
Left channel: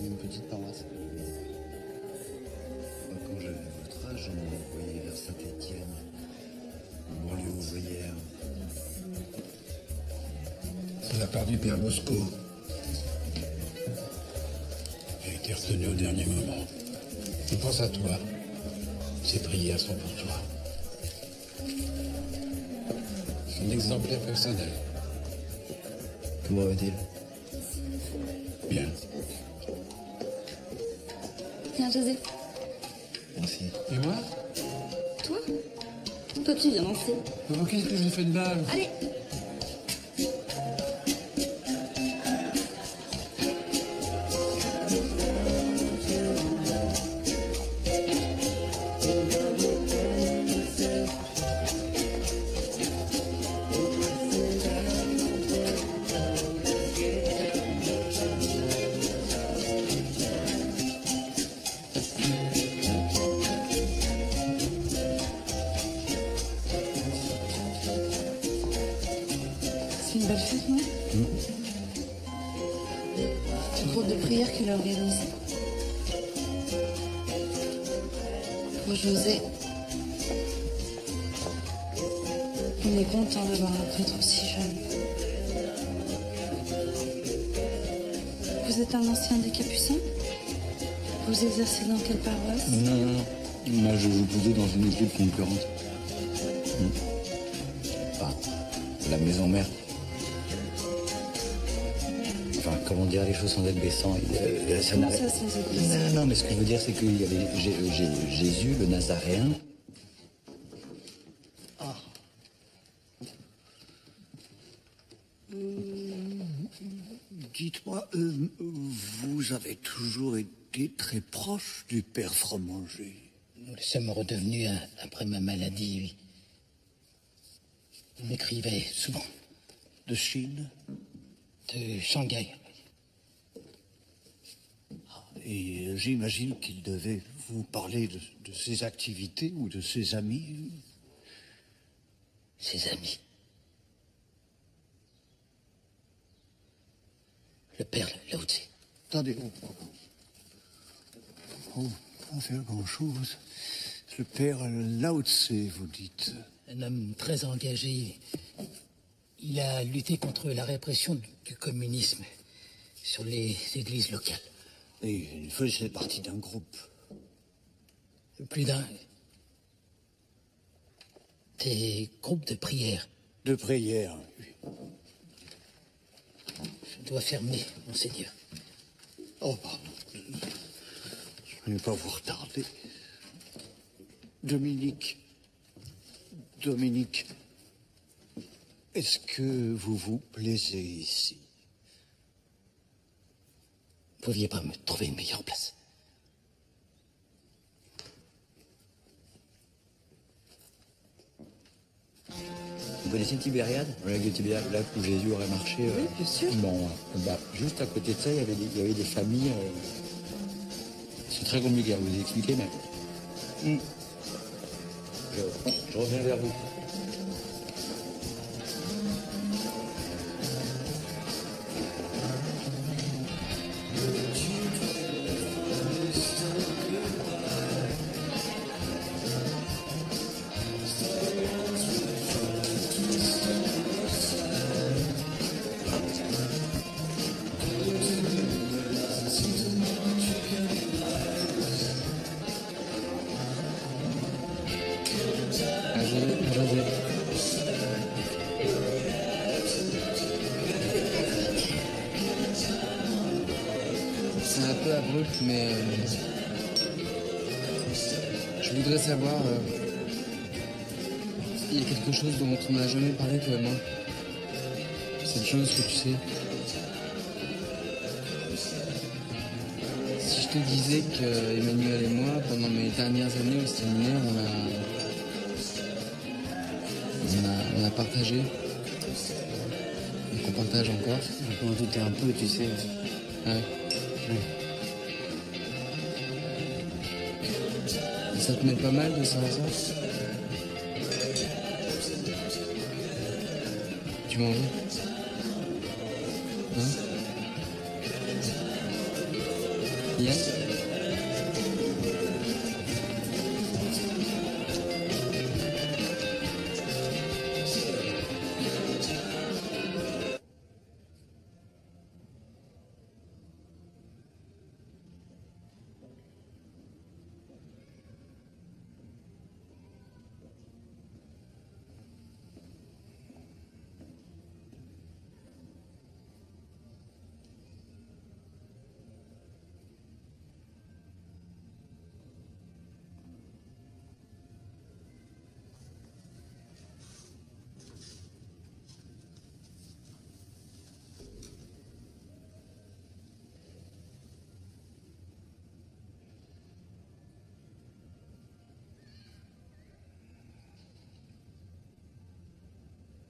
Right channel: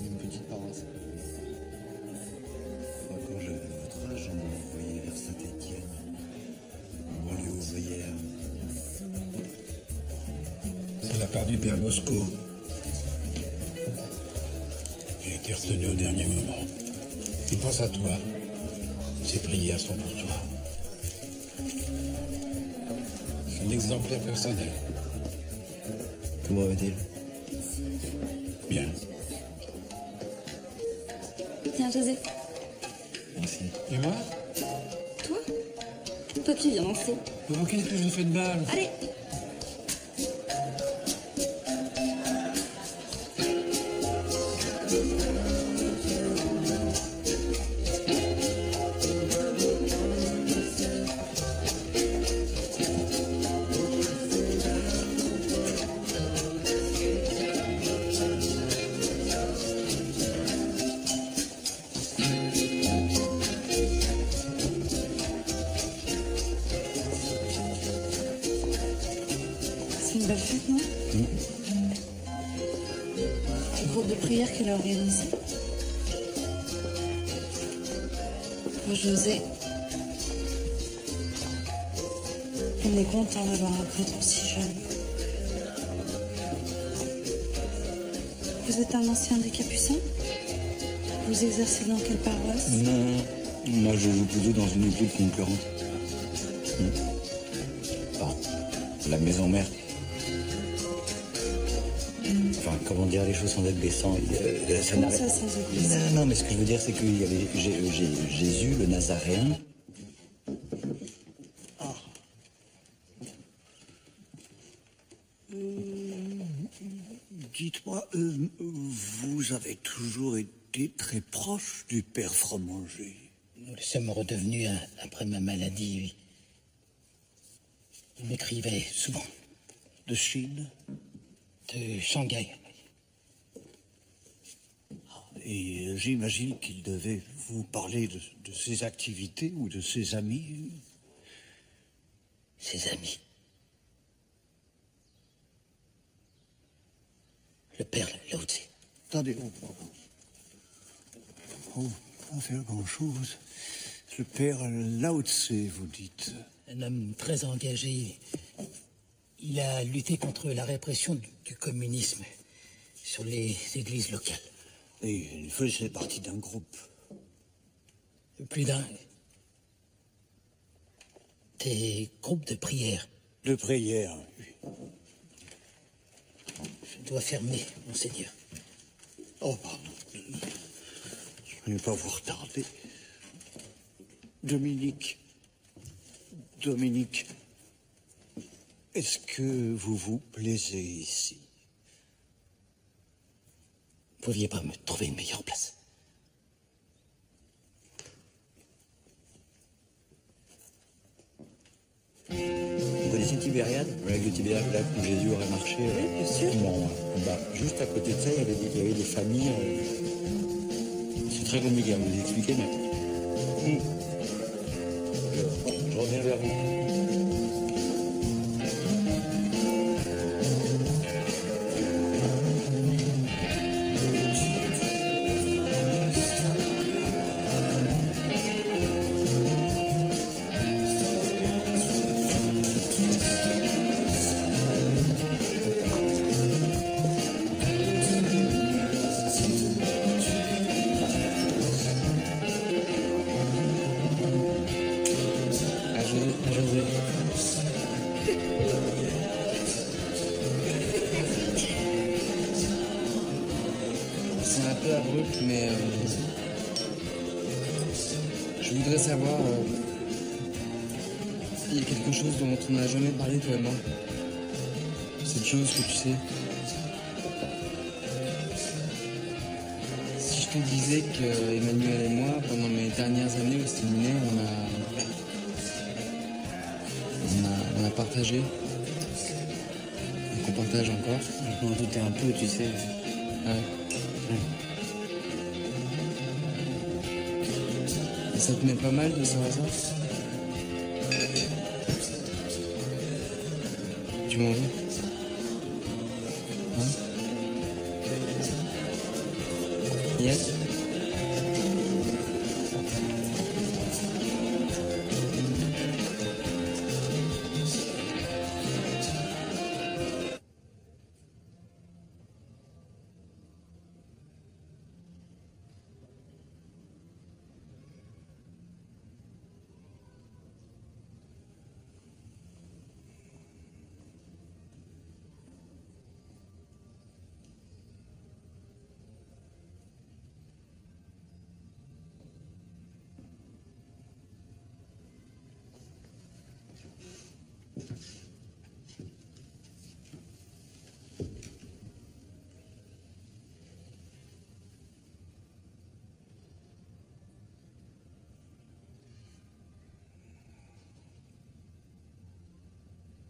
Une petite paroisse. Moi, quand j'avais votre âge, on m'a envoyé vers Saint-Étienne, une banlieue ouvrière. C'est la part du père Bosco. J'ai été retenu au dernier moment. Il pense à toi. Ses prières sont pour toi. Son exemplaire personnel. Comment va-t-il? Bien. Tiens, José. Merci. Et moi? Toi? Toi, tu viens danser. Oh, qu'est-ce que j'ai fait de mal? Allez! C'est une belle fête, non? Le groupe de prière qu'il a organisé. Pour José. On est content d'avoir un prêtre aussi jeune. Vous êtes un ancien des Capucins? Vous exercez dans quelle paroisse? Non. Moi, je joue plutôt dans une équipe concurrente. Enfin, la maison mère. Enfin, enfin, comment dire les choses sans être blessant. Ça Comment n'arrête- ça, sans être blessant? Non, mais ce que je veux dire, c'est qu'il y avait Jésus, le Nazaréen. Dites-moi, vous avez toujours été très proche du père Fromanger. Nous le sommes redevenus après ma maladie, oui. Il m'écrivait souvent. De Chine? De Shanghai. Et j'imagine qu'il devait vous parler de ses activités ou de ses amis. Ses amis. Le père Lao Tse. Attendez. Pas faire grand-chose. Le père Lao Tse, vous dites. Un homme très engagé. Il a lutté contre la répression du communisme sur les églises locales. Et il faisait partie d'un groupe. Plus d'un. Des groupes de prière. De prière, oui. Je dois fermer, monseigneur. Oh, pardon. Je ne vais pas vous retarder. Dominique, est-ce que vous vous plaisez ici? Vous pouviez pas me trouver une meilleure place? Vous connaissez Tibériade? Le lac de Tibériade, là où Jésus aurait marché. Oui, bien sûr. Non, juste à côté de ça, il y avait des familles. C'est très compliqué à vous expliquer, mais. Je reviens vers vous. À José. C'est un peu abrupt, mais je voudrais savoir. Il y a quelque chose dont on n'a jamais parlé, toi et moi. Cette chose que tu sais. Si je te disais que Emmanuel et moi, pendant mes dernières années au séminaire, on a partagé. Et qu'on partage encore. Je m'en doutais un peu, tu sais. Ah ouais. Et ça te met pas mal de savoir ça? Tu m'en veux? Hein? Yann?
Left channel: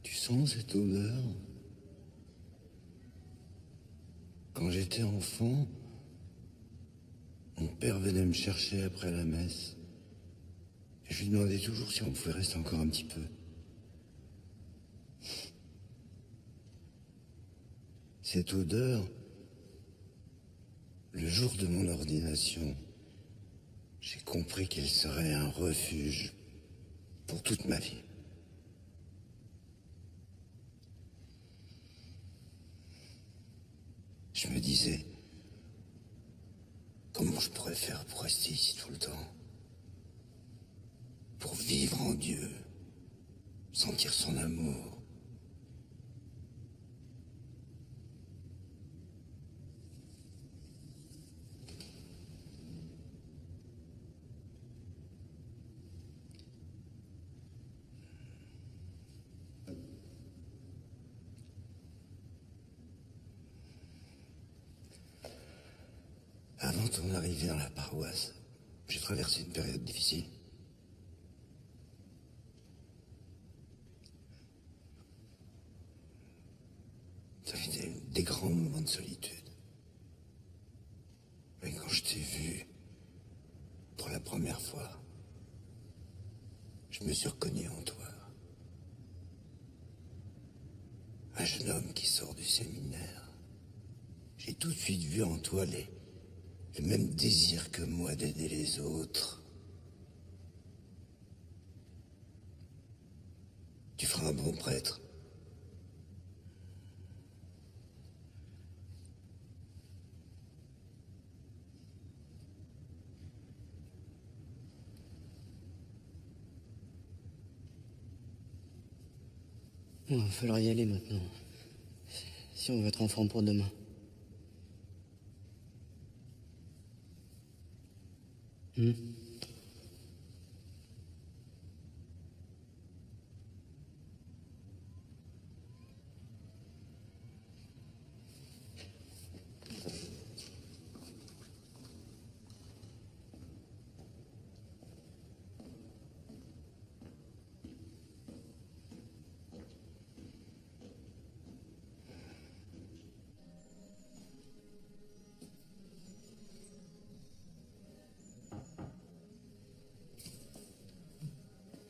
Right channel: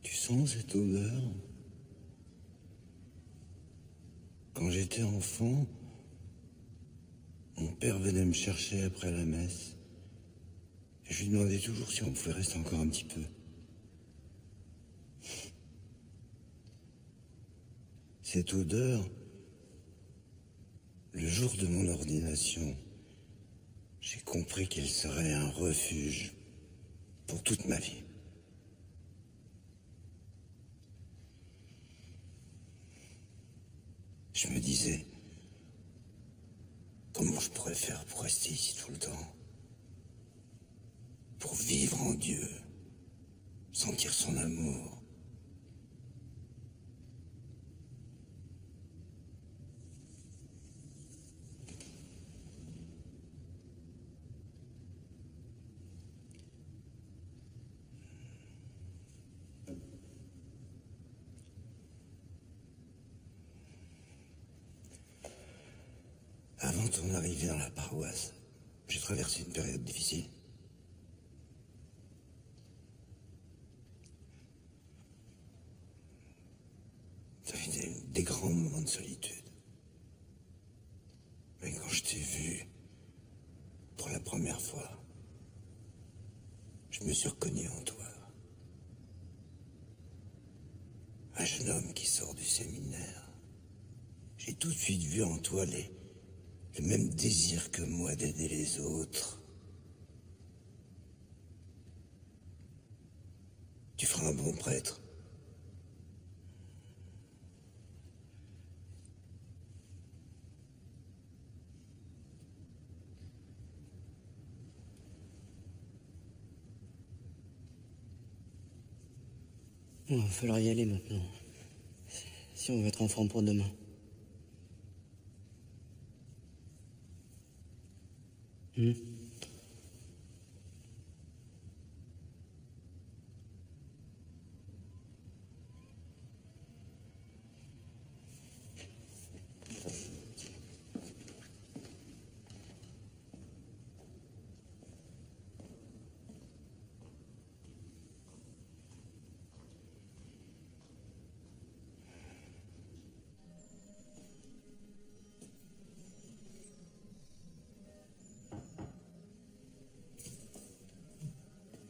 Tu sens cette odeur? Quand j'étais enfant, mon père venait me chercher après la messe. Et je lui demandais toujours si on pouvait rester encore un petit peu. Cette odeur, le jour de mon ordination, j'ai compris qu'elle serait un refuge pour toute ma vie. Je me disais, comment je pourrais faire pour rester ici tout le temps? Pour vivre en Dieu, sentir son amour. Avant ton arrivée dans la paroisse, j'ai traversé une période difficile. Ça a été des grands moments de solitude. Mais quand je t'ai vu, pour la première fois, je me suis reconnu en toi. Un jeune homme qui sort du séminaire. J'ai tout de suite vu en toi le même désir que moi d'aider les autres. Tu feras un bon prêtre. Il va falloir y aller maintenant. Si on veut être en forme pour demain.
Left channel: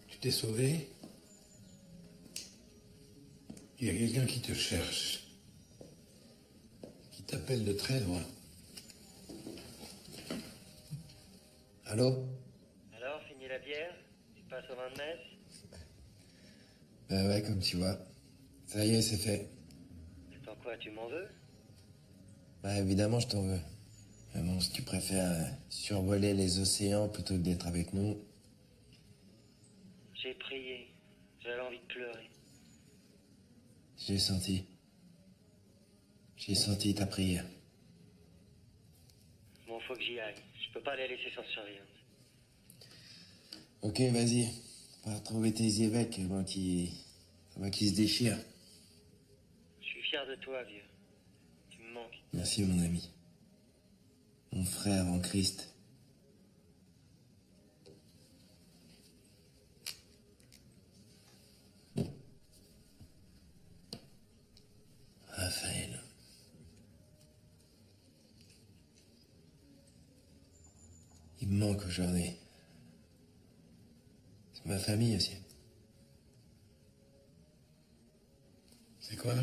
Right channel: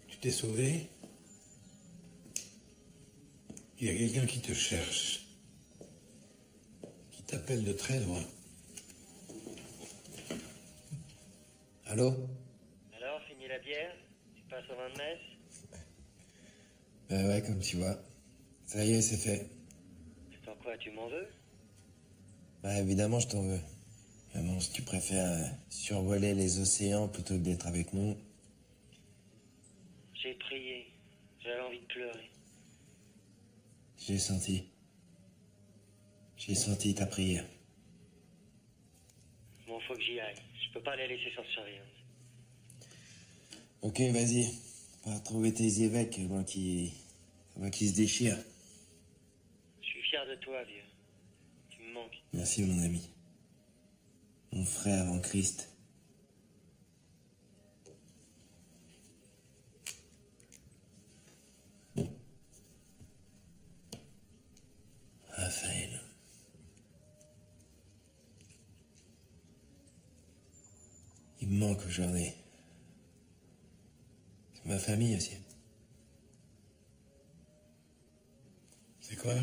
Tu t'es sauvé? Il y a quelqu'un qui te cherche, qui t'appelle de très loin. Allô? Alors, fini la bière? Tu passes au vin de messe? Bah ouais, comme tu vois. Ça y est, c'est fait. Attends quoi, tu m'en veux? Bah évidemment, je t'en veux. Mais bon, si tu préfères survoler les océans plutôt que d'être avec nous... J'ai prié. J'avais envie de pleurer. J'ai senti. J'ai senti ta prière. Bon, faut que j'y aille. Je peux pas les laisser sans surveillance. Ok, vas-y. Va retrouver tes évêques avant qu'ils se déchirent. Je suis fier de toi, vieux. Tu me manques. Merci, mon ami. Mon frère en Christ. Raphaël. Il me manque aujourd'hui. C'est ma famille aussi. C'est quoi?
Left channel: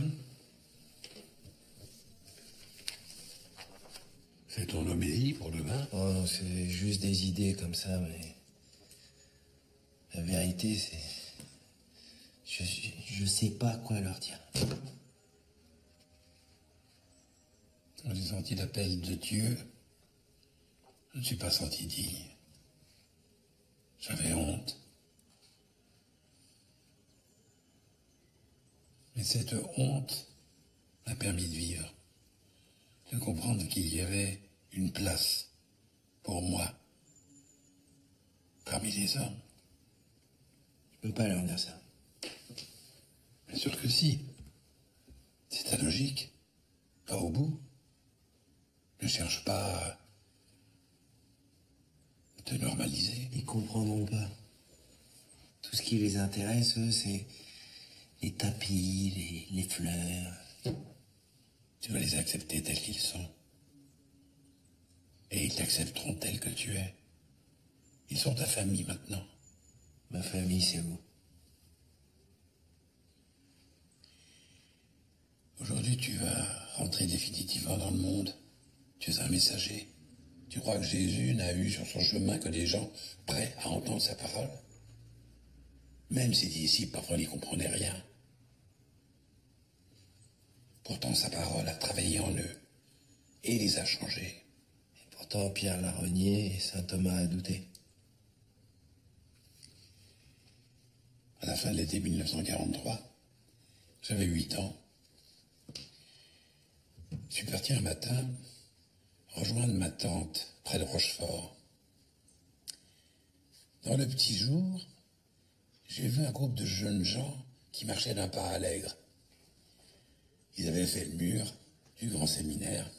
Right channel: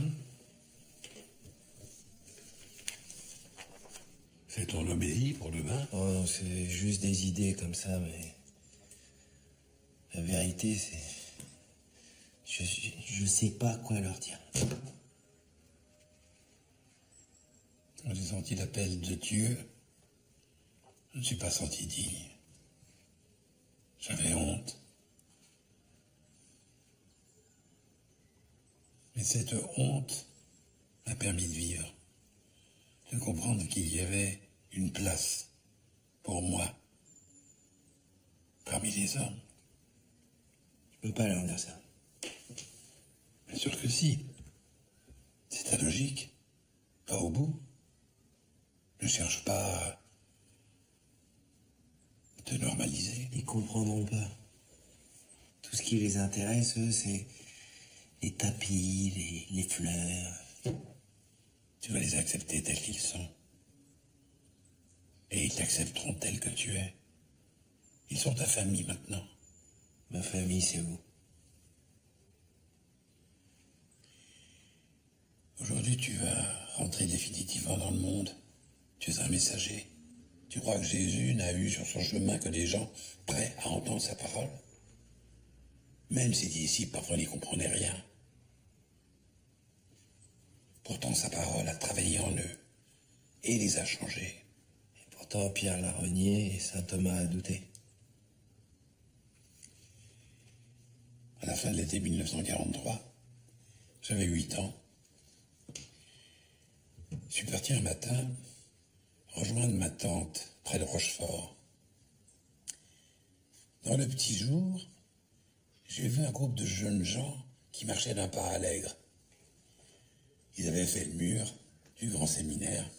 C'est ton homélie pour demain? Oh non, c'est juste des idées comme ça, mais... La vérité, c'est... Je sais pas quoi leur dire. Quand j'ai senti l'appel de Dieu, je ne suis pas senti digne. J'avais honte. Mais cette honte m'a permis de vivre, de comprendre qu'il y avait une place pour moi parmi les hommes. Je peux pas leur dire ça. Bien sûr que si. C'est ta logique. Va au bout. Ne cherche pas à te normaliser. Ils comprendront pas. Tout ce qui les intéresse, eux, c'est les tapis, les fleurs. Tu vas les accepter tels qu'ils sont. Et ils t'accepteront tel que tu es. Ils sont ta famille maintenant. Ma famille, c'est vous. Aujourd'hui, tu vas rentrer définitivement dans le monde. Tu es un messager. Tu crois que Jésus n'a eu sur son chemin que des gens prêts à entendre sa parole? Même ses disciples, parfois, n'y comprenaient rien. Pourtant, sa parole a travaillé en eux et les a changés. Et pourtant, Pierre l'a renié et saint Thomas a douté. À la fin de l'été 1943, j'avais 8 ans. Je suis parti un matin rejoindre ma tante près de Rochefort. Dans le petit jour, j'ai vu un groupe de jeunes gens qui marchaient d'un pas allègre. Ils avaient fait le mur du grand séminaire.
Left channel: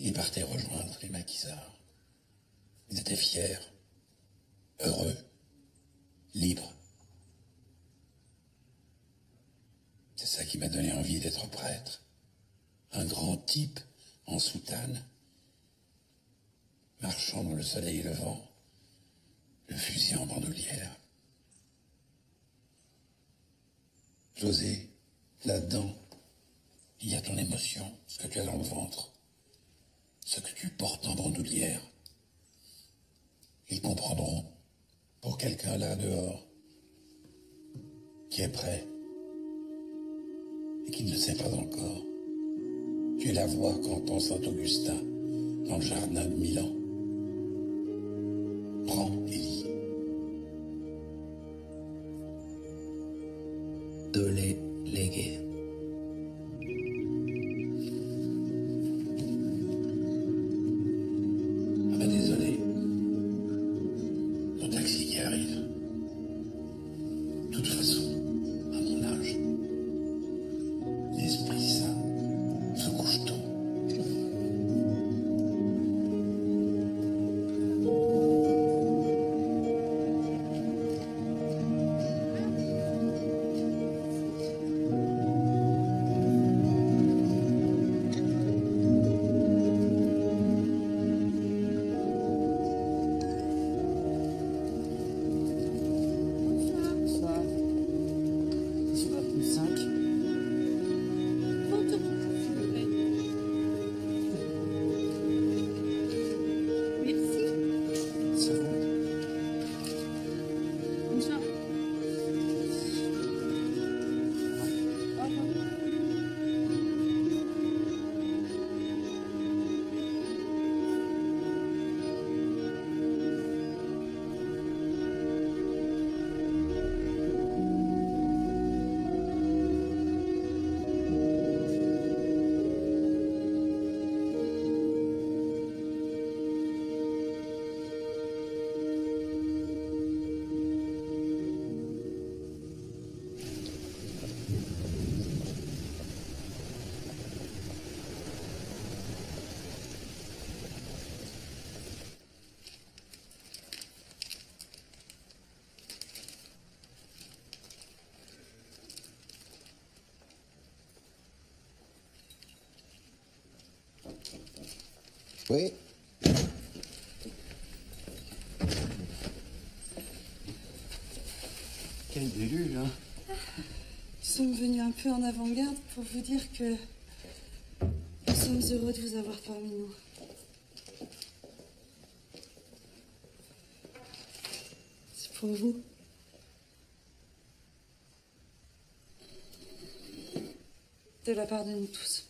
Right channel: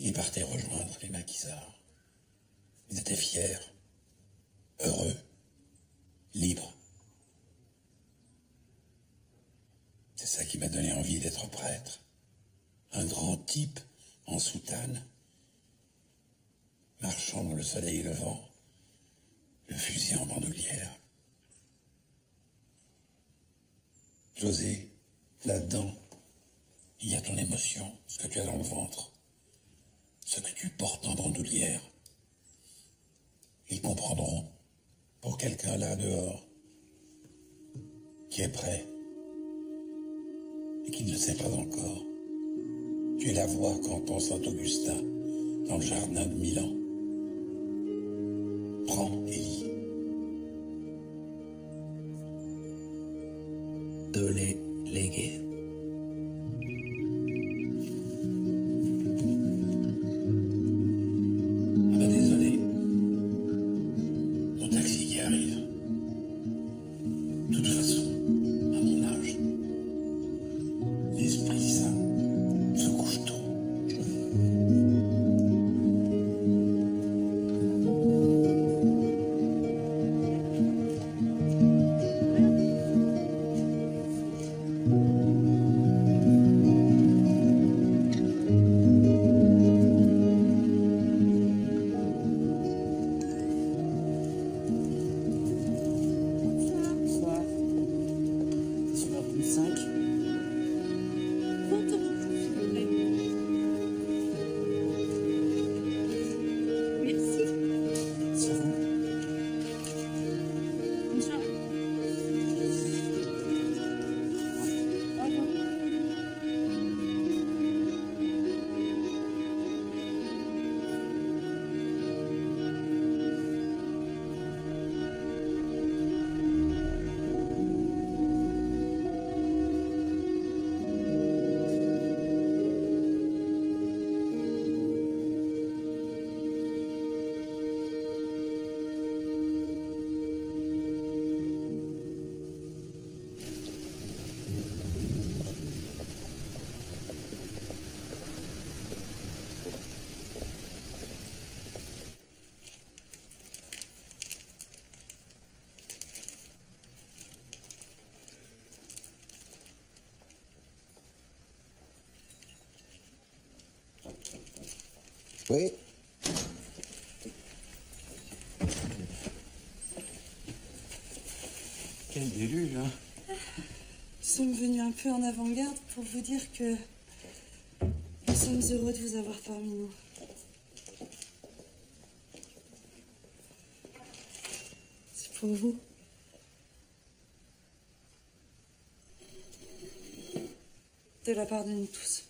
Il partait rejoindre les maquisards. Ils étaient fiers, heureux, libres. C'est ça qui m'a donné envie d'être prêtre. Un grand type en soutane, marchant dans le soleil levant, le fusil en bandoulière. José, là-dedans, il y a ton émotion, ce que tu as dans le ventre, ce que tu portes en bandoulière. Ils comprendront, pour quelqu'un là dehors, qui est prêt et qui ne le sait pas encore. Tu es la voix qu'entend Saint-Augustin dans le jardin de Milan. Prends et lis. Dole lege. Ah ben désolé. Mon taxi qui arrive. De toute façon, à mon âge, l'Esprit Saint se couche tôt. Bonsoir. Sur la 35. Photo, s'il vous plaît. Merci. Sur vous. Bonne soirée. Au revoir. Oui. Quel déluge, hein. Nous sommes venus un peu en avant-garde pour vous dire que nous sommes heureux de vous avoir parmi nous. C'est pour vous. De la part de nous tous.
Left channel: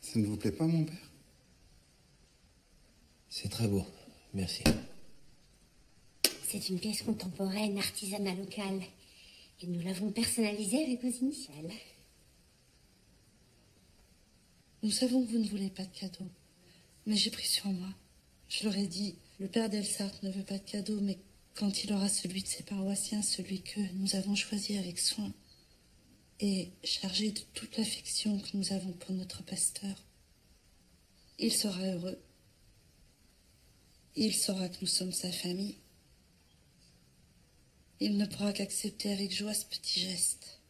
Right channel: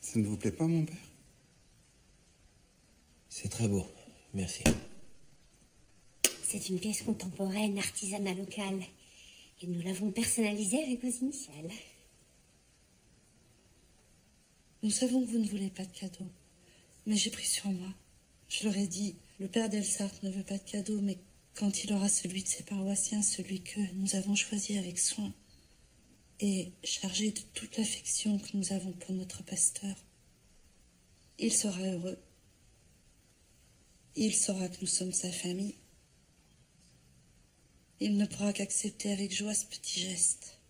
Ça ne vous plaît pas, mon père? C'est très beau, merci. C'est une pièce contemporaine, artisanale locale. Et nous l'avons personnalisée avec vos initiales. Nous savons que vous ne voulez pas de cadeaux. Mais j'ai pris sur moi. Je leur ai dit, le père d'Elsart ne veut pas de cadeaux, mais quand il aura celui de ses paroissiens, celui que nous avons choisi avec soin, et chargé de toute l'affection que nous avons pour notre pasteur, il sera heureux. Il saura que nous sommes sa famille. Il ne pourra qu'accepter avec joie ce petit geste.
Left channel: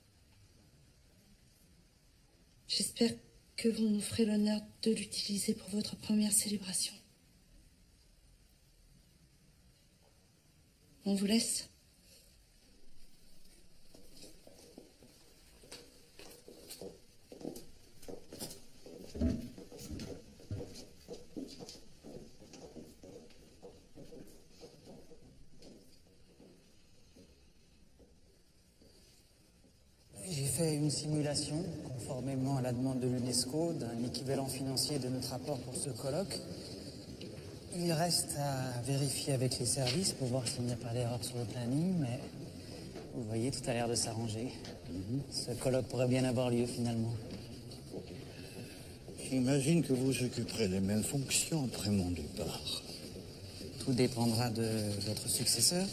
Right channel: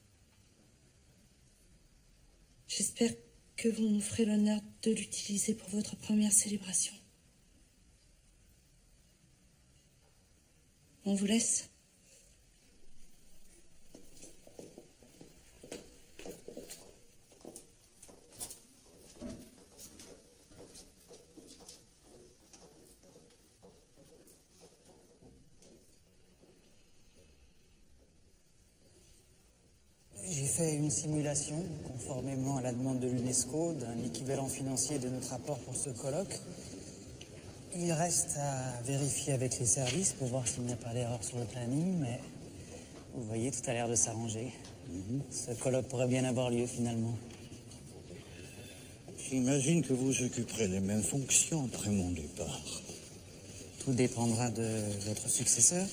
J'espère que vous nous ferez l'honneur de l'utiliser pour votre première célébration. On vous laisse. J'ai fait une simulation, conformément à la demande de l'UNESCO, d'un équivalent financier de notre apport pour ce colloque. Il reste à vérifier avec les services pour voir s'il n'y a pas d'erreur sur le planning, mais vous voyez, tout a l'air de s'arranger. Ce colloque pourrait bien avoir lieu finalement. J'imagine que vous occuperez les mêmes fonctions après mon départ. Tout dépendra de votre successeur.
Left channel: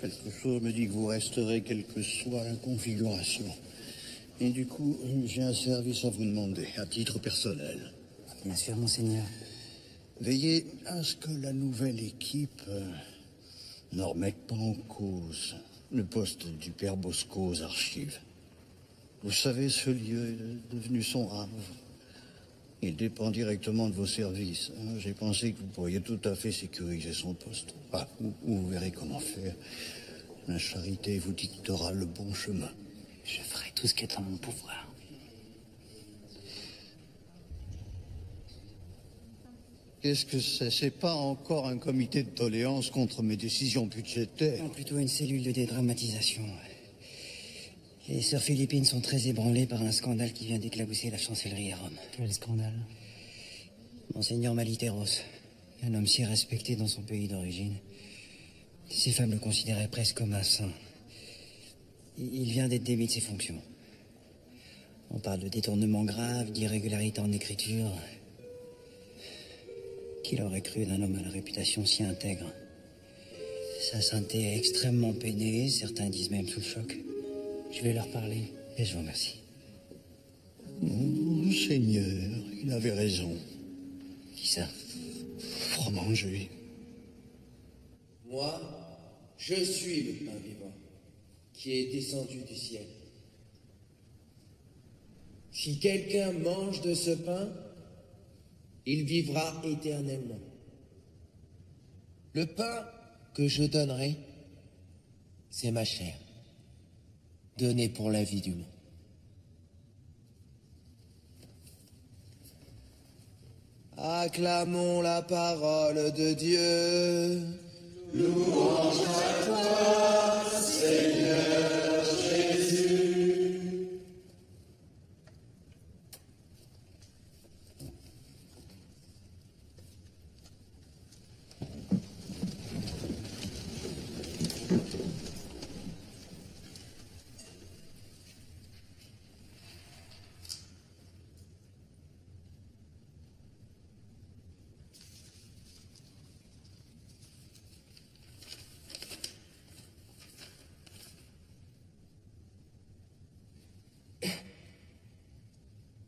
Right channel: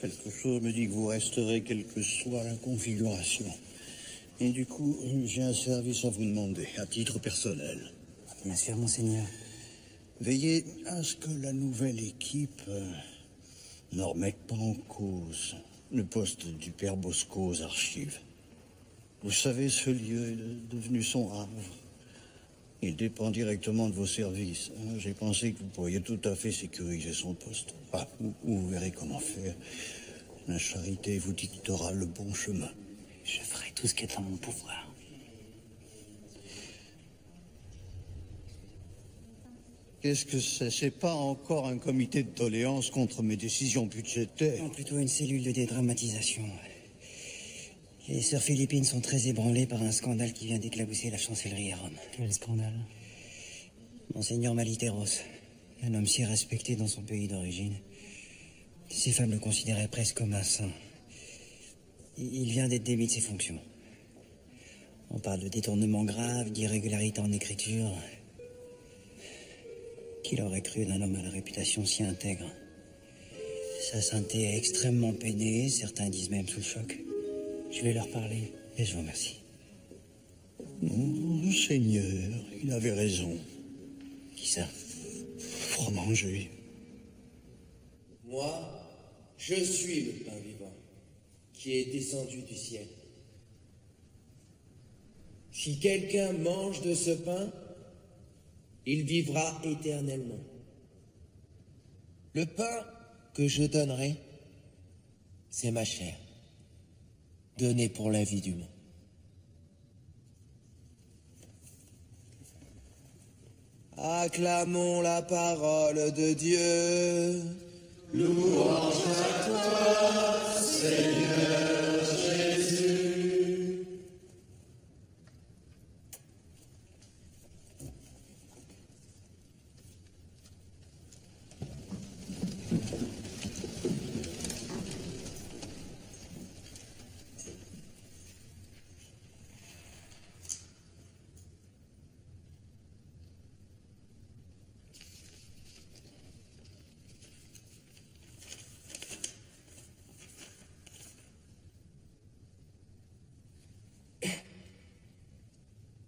Quelque chose me dit que vous resterez quelle que soit la configuration. Et du coup, j'ai un service à vous demander, à titre personnel. Bien sûr, monseigneur. Veillez à ce que la nouvelle équipe ne remette pas en cause le poste du père Bosco aux archives. Vous savez, ce lieu est devenu son havre. Il dépend directement de vos services. J'ai pensé que vous pourriez tout à fait sécuriser son poste. Vous verrez comment faire. La charité vous dictera le bon chemin. Je ferai tout ce qui est en mon pouvoir. Qu'est-ce que c'est? C'est pas encore un comité de doléances contre mes décisions budgétaires. Non, plutôt une cellule de dédramatisation. Les sœurs philippines sont très ébranlées par un scandale qui vient d'éclabousser la chancellerie à Rome. Quel scandale? Monseigneur Maliteros, un homme si respecté dans son pays d'origine. Ses femmes le considéraient presque comme un saint. Il vient d'être démis de ses fonctions. On parle de détournement grave, d'irrégularité en écriture. Qui l'aurait cru d'un homme à la réputation si intègre? Sa sainteté est extrêmement peinée, certains disent même sous le choc. Je vais leur parler, et je vous remercie. Seigneur, il avait raison. Qui ça? Fromager. Moi, je suis le pain vivant qui est descendu du ciel. Si quelqu'un mange de ce pain, il vivra éternellement. Le pain que je donnerai, c'est ma chair, donnée pour la vie du monde. Acclamons la parole de Dieu. Louange à toi, Seigneur Jésus.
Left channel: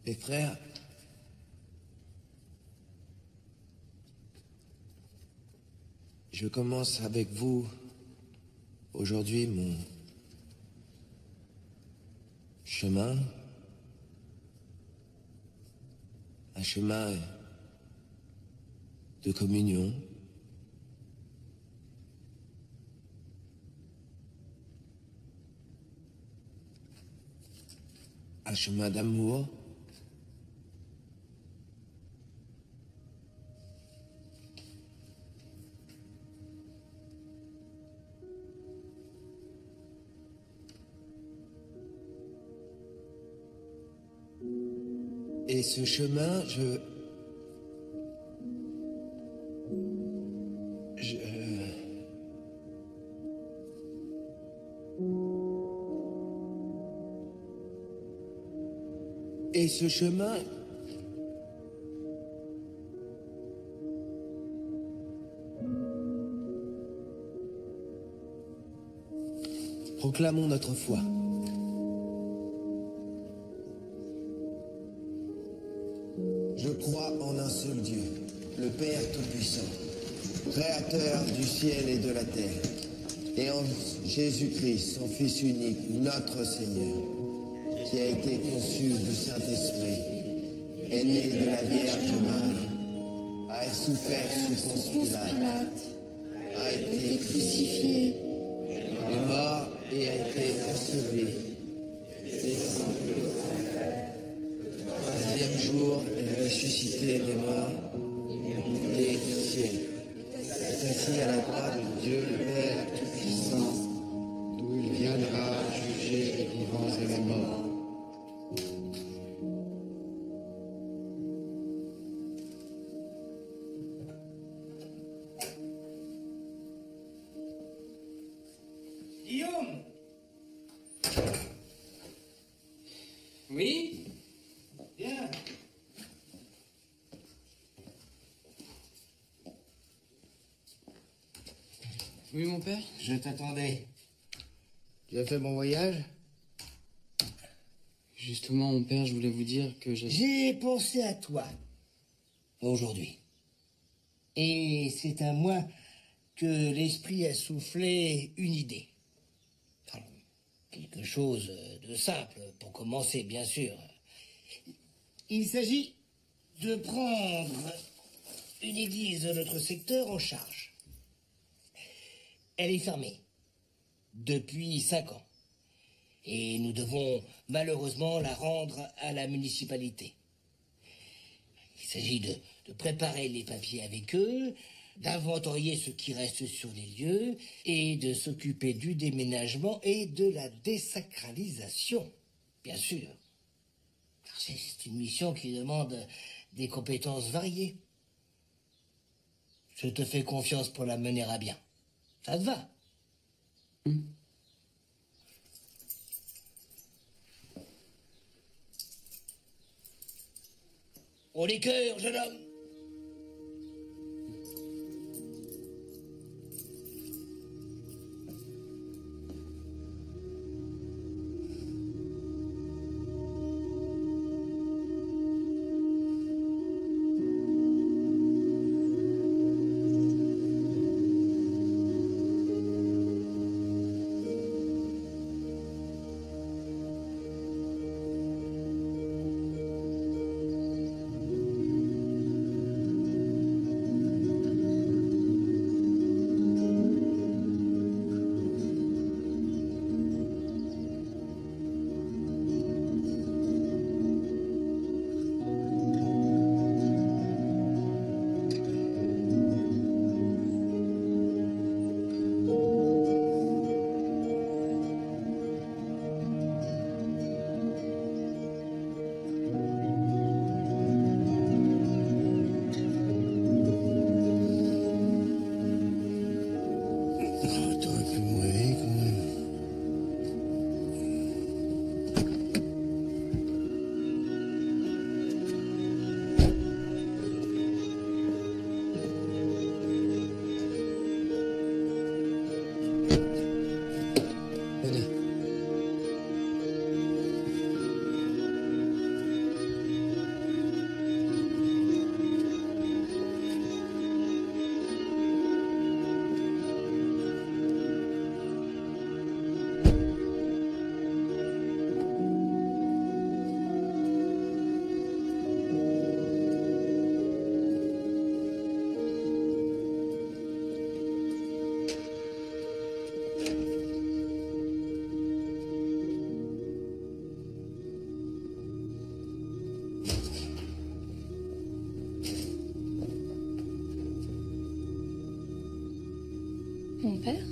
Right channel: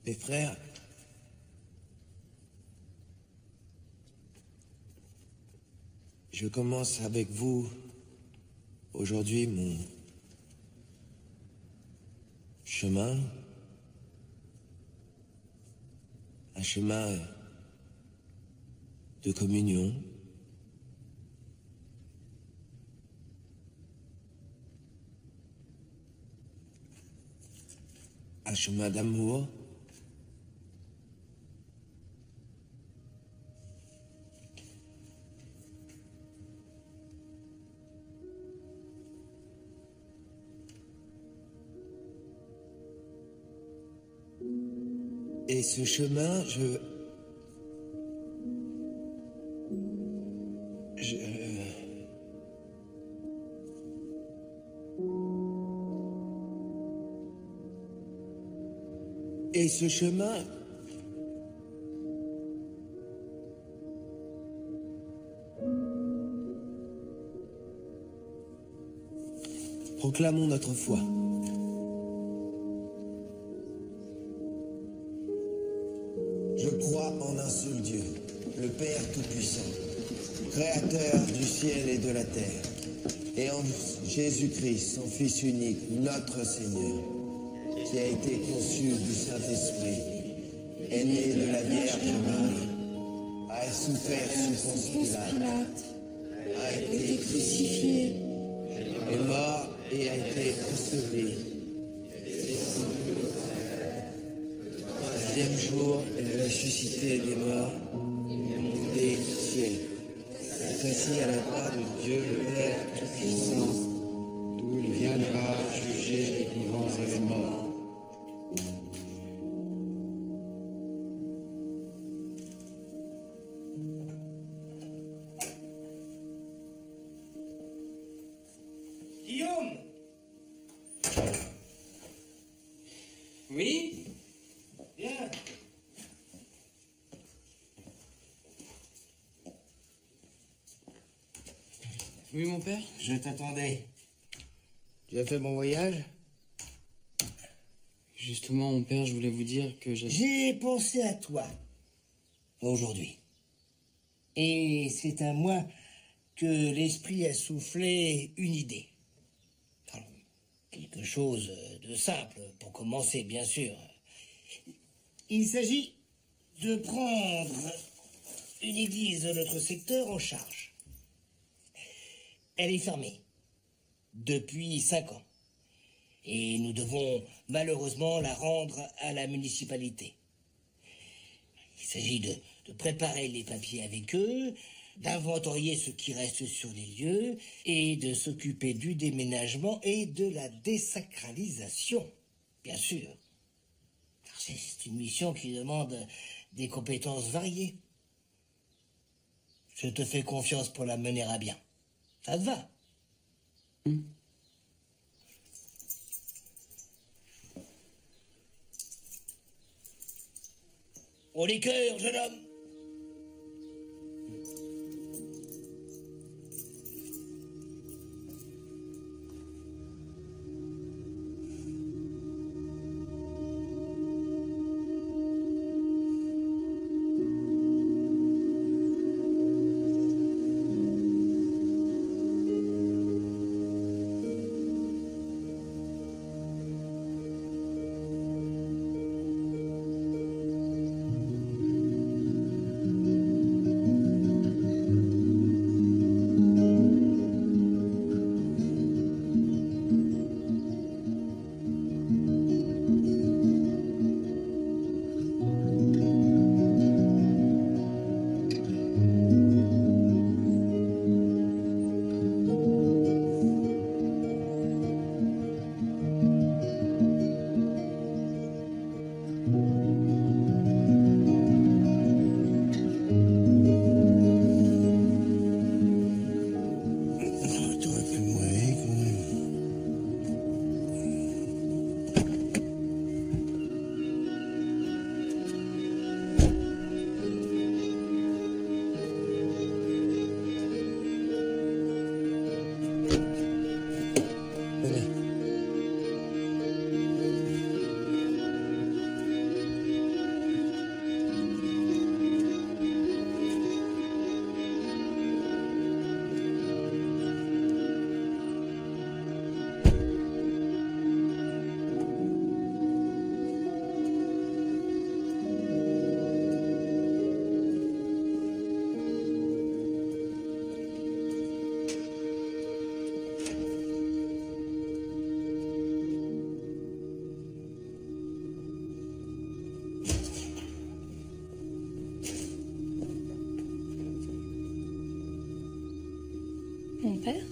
Mes frères, je commence avec vous aujourd'hui mon chemin, un chemin de communion, un chemin d'amour, et ce chemin, et ce chemin, proclamons notre foi. Je crois en un seul Dieu, le Père Tout-Puissant, Créateur du ciel et de la terre, et en Jésus-Christ, son Fils unique, notre Seigneur, qui a été conçu du Saint-Esprit, est né de la Vierge Marie, a souffert sous Ponce Pilate, a été crucifié, est mort et a été enseveli. Le troisième jour est ressuscité des morts, des ciels. Est assis à la droite de Dieu le Père Tout-Puissant, d'où il viendra juger les vivants et les morts. Guillaume! Oui? Viens. Oui, mon père? Je t'attendais. Tu as fait bon voyage? Justement, mon père, je voulais vous dire que J'ai pensé à toi. Aujourd'hui. Et c'est à moi que l'esprit a soufflé une idée. Alors, quelque chose de simple, pour commencer, bien sûr. Il s'agit de prendre une église de notre secteur en charge. Elle est fermée depuis 5 ans. Et nous devons malheureusement la rendre à la municipalité. Il s'agit de préparer les papiers avec eux, d'inventorier ce qui reste sur les lieux et de s'occuper du déménagement et de la désacralisation, bien sûr. Car c'est une mission qui demande des compétences variées. Je te fais confiance pour la mener à bien. Ça te va? Au liqueur, jeune homme! T'aurais pu me réveiller quand même. Venez. Mon père?